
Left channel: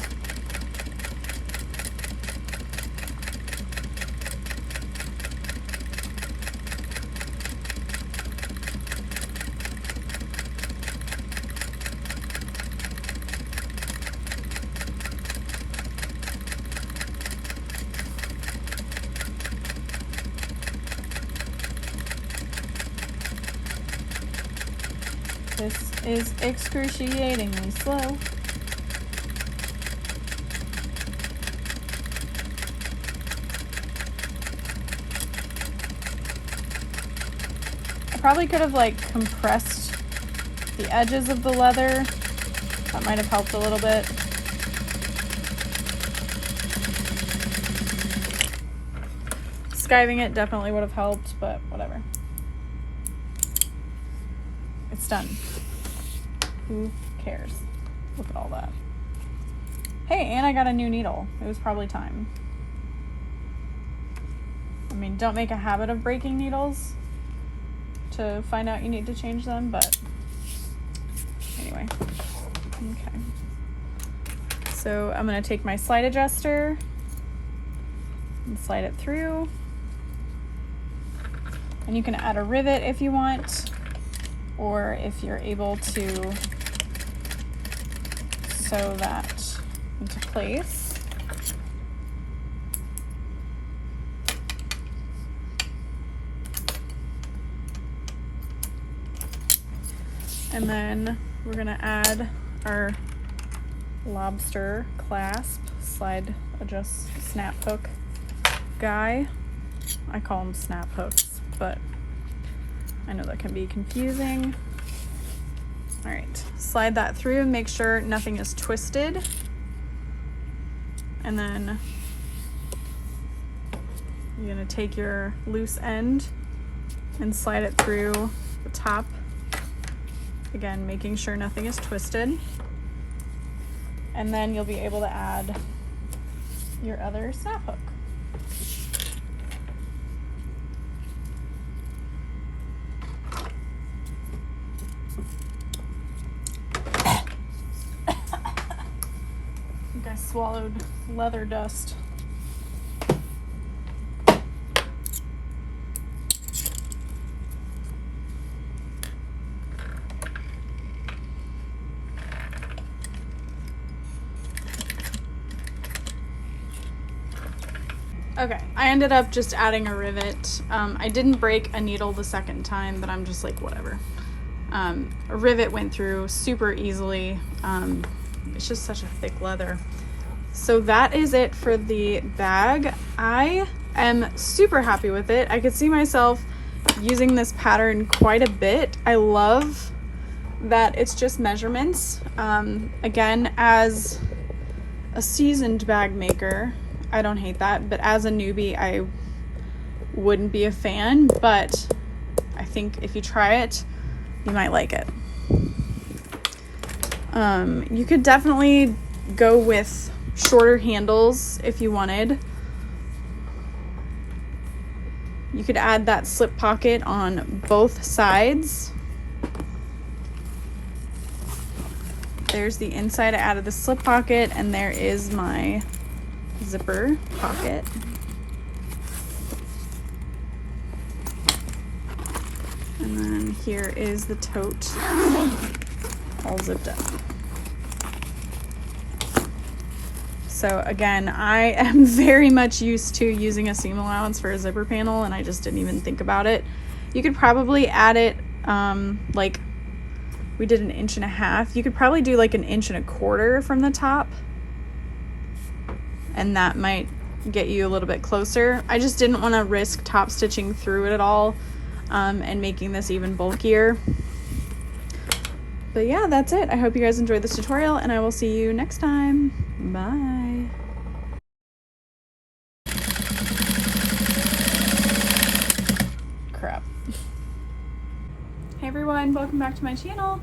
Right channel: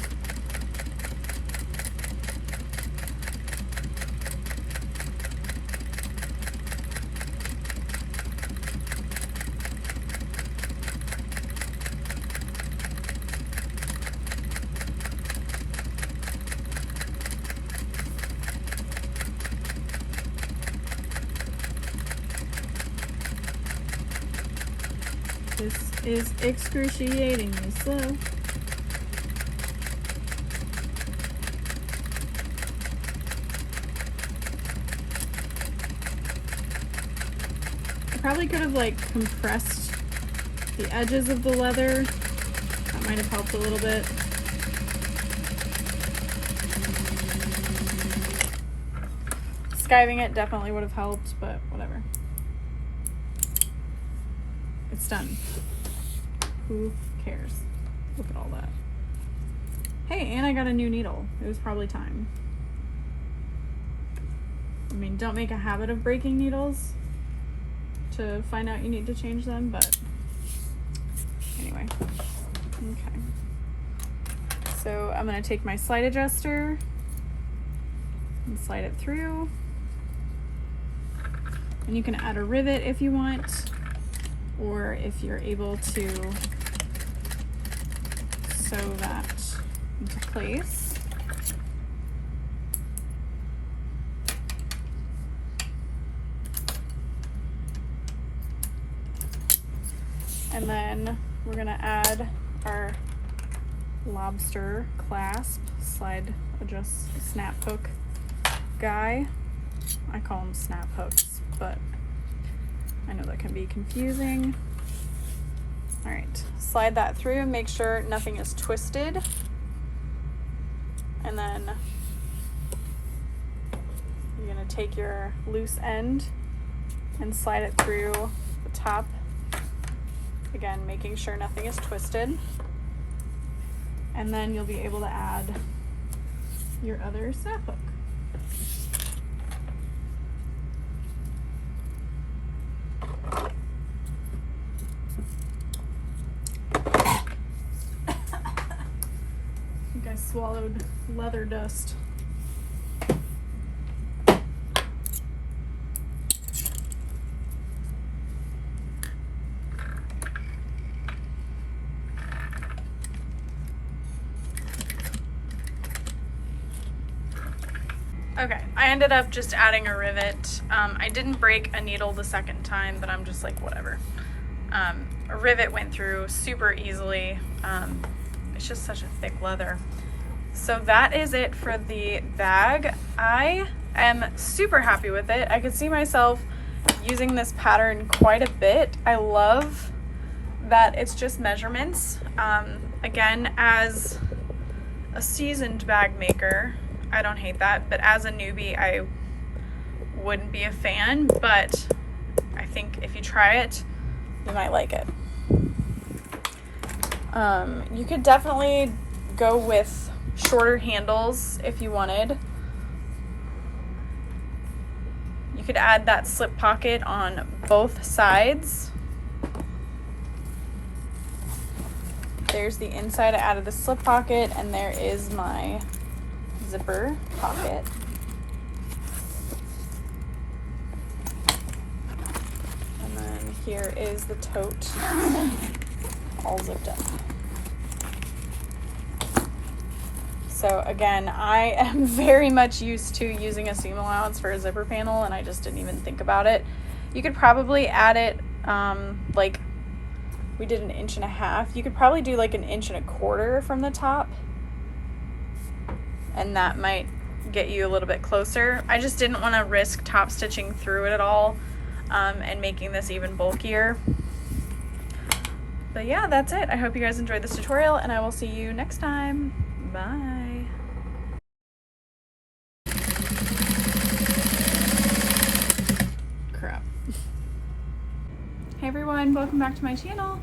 This is excruciatingly slow. I probably could have like compressed the edges of the leather. That might have helped a little bit. Skiving it definitely would have helped, but whatever. It's done. Who cares? Look at all that. Hey, and I got a new needle. It was probably time. I mean, don't make a habit of breaking needles to find out you need to change them, but anyway. Okay. So I'm going to take my slide adjuster and slide it through. And you can add a rivet if you want, or if you're able to sew that into place. And then we're going to add our Lobster Clasp slide adjust snap hook guy. I call them snap hooks, but I know that can be confusing. All right, slide that through and make sure nothing is twisted. And then you're gonna take your loose end and slide it through the top. Again, making sure nothing is twisted. And then you'll be able to add your other snap hook. swallowed leather dust. Okay, I ended up just adding a rivet. I didn't break a needle the second time, but I'm just like, whatever. A rivet went through super easily. It's just such a thick leather. So that is it for the bag. I am super happy with it. I could see myself using this pattern quite a bit. I love that it's just measurements. Again, as a seasoned bag maker, I don't hate that, but as a newbie, I wouldn't be a fan, but I think if you try it, you might like it. You could definitely go with shorter handles if you wanted. You could add that slip pocket on both sides. There's the inside. I added the slip pocket, and there is my zipper pocket. And then here is the tote, all zipped up. So again, I am very much used to using a seam allowance for a zipper panel, and I just didn't even think about it. You could probably add it, like we did 1.5 inches. You could probably do like 1.25 inches from the top, and that might get you a little bit closer. I just didn't want to risk top stitching through it at all, and making this even bulkier. But yeah, that's it. I hope you guys enjoyed this tutorial, and I will see you next time. Bye. Crap. Hey everyone, welcome back to my channel.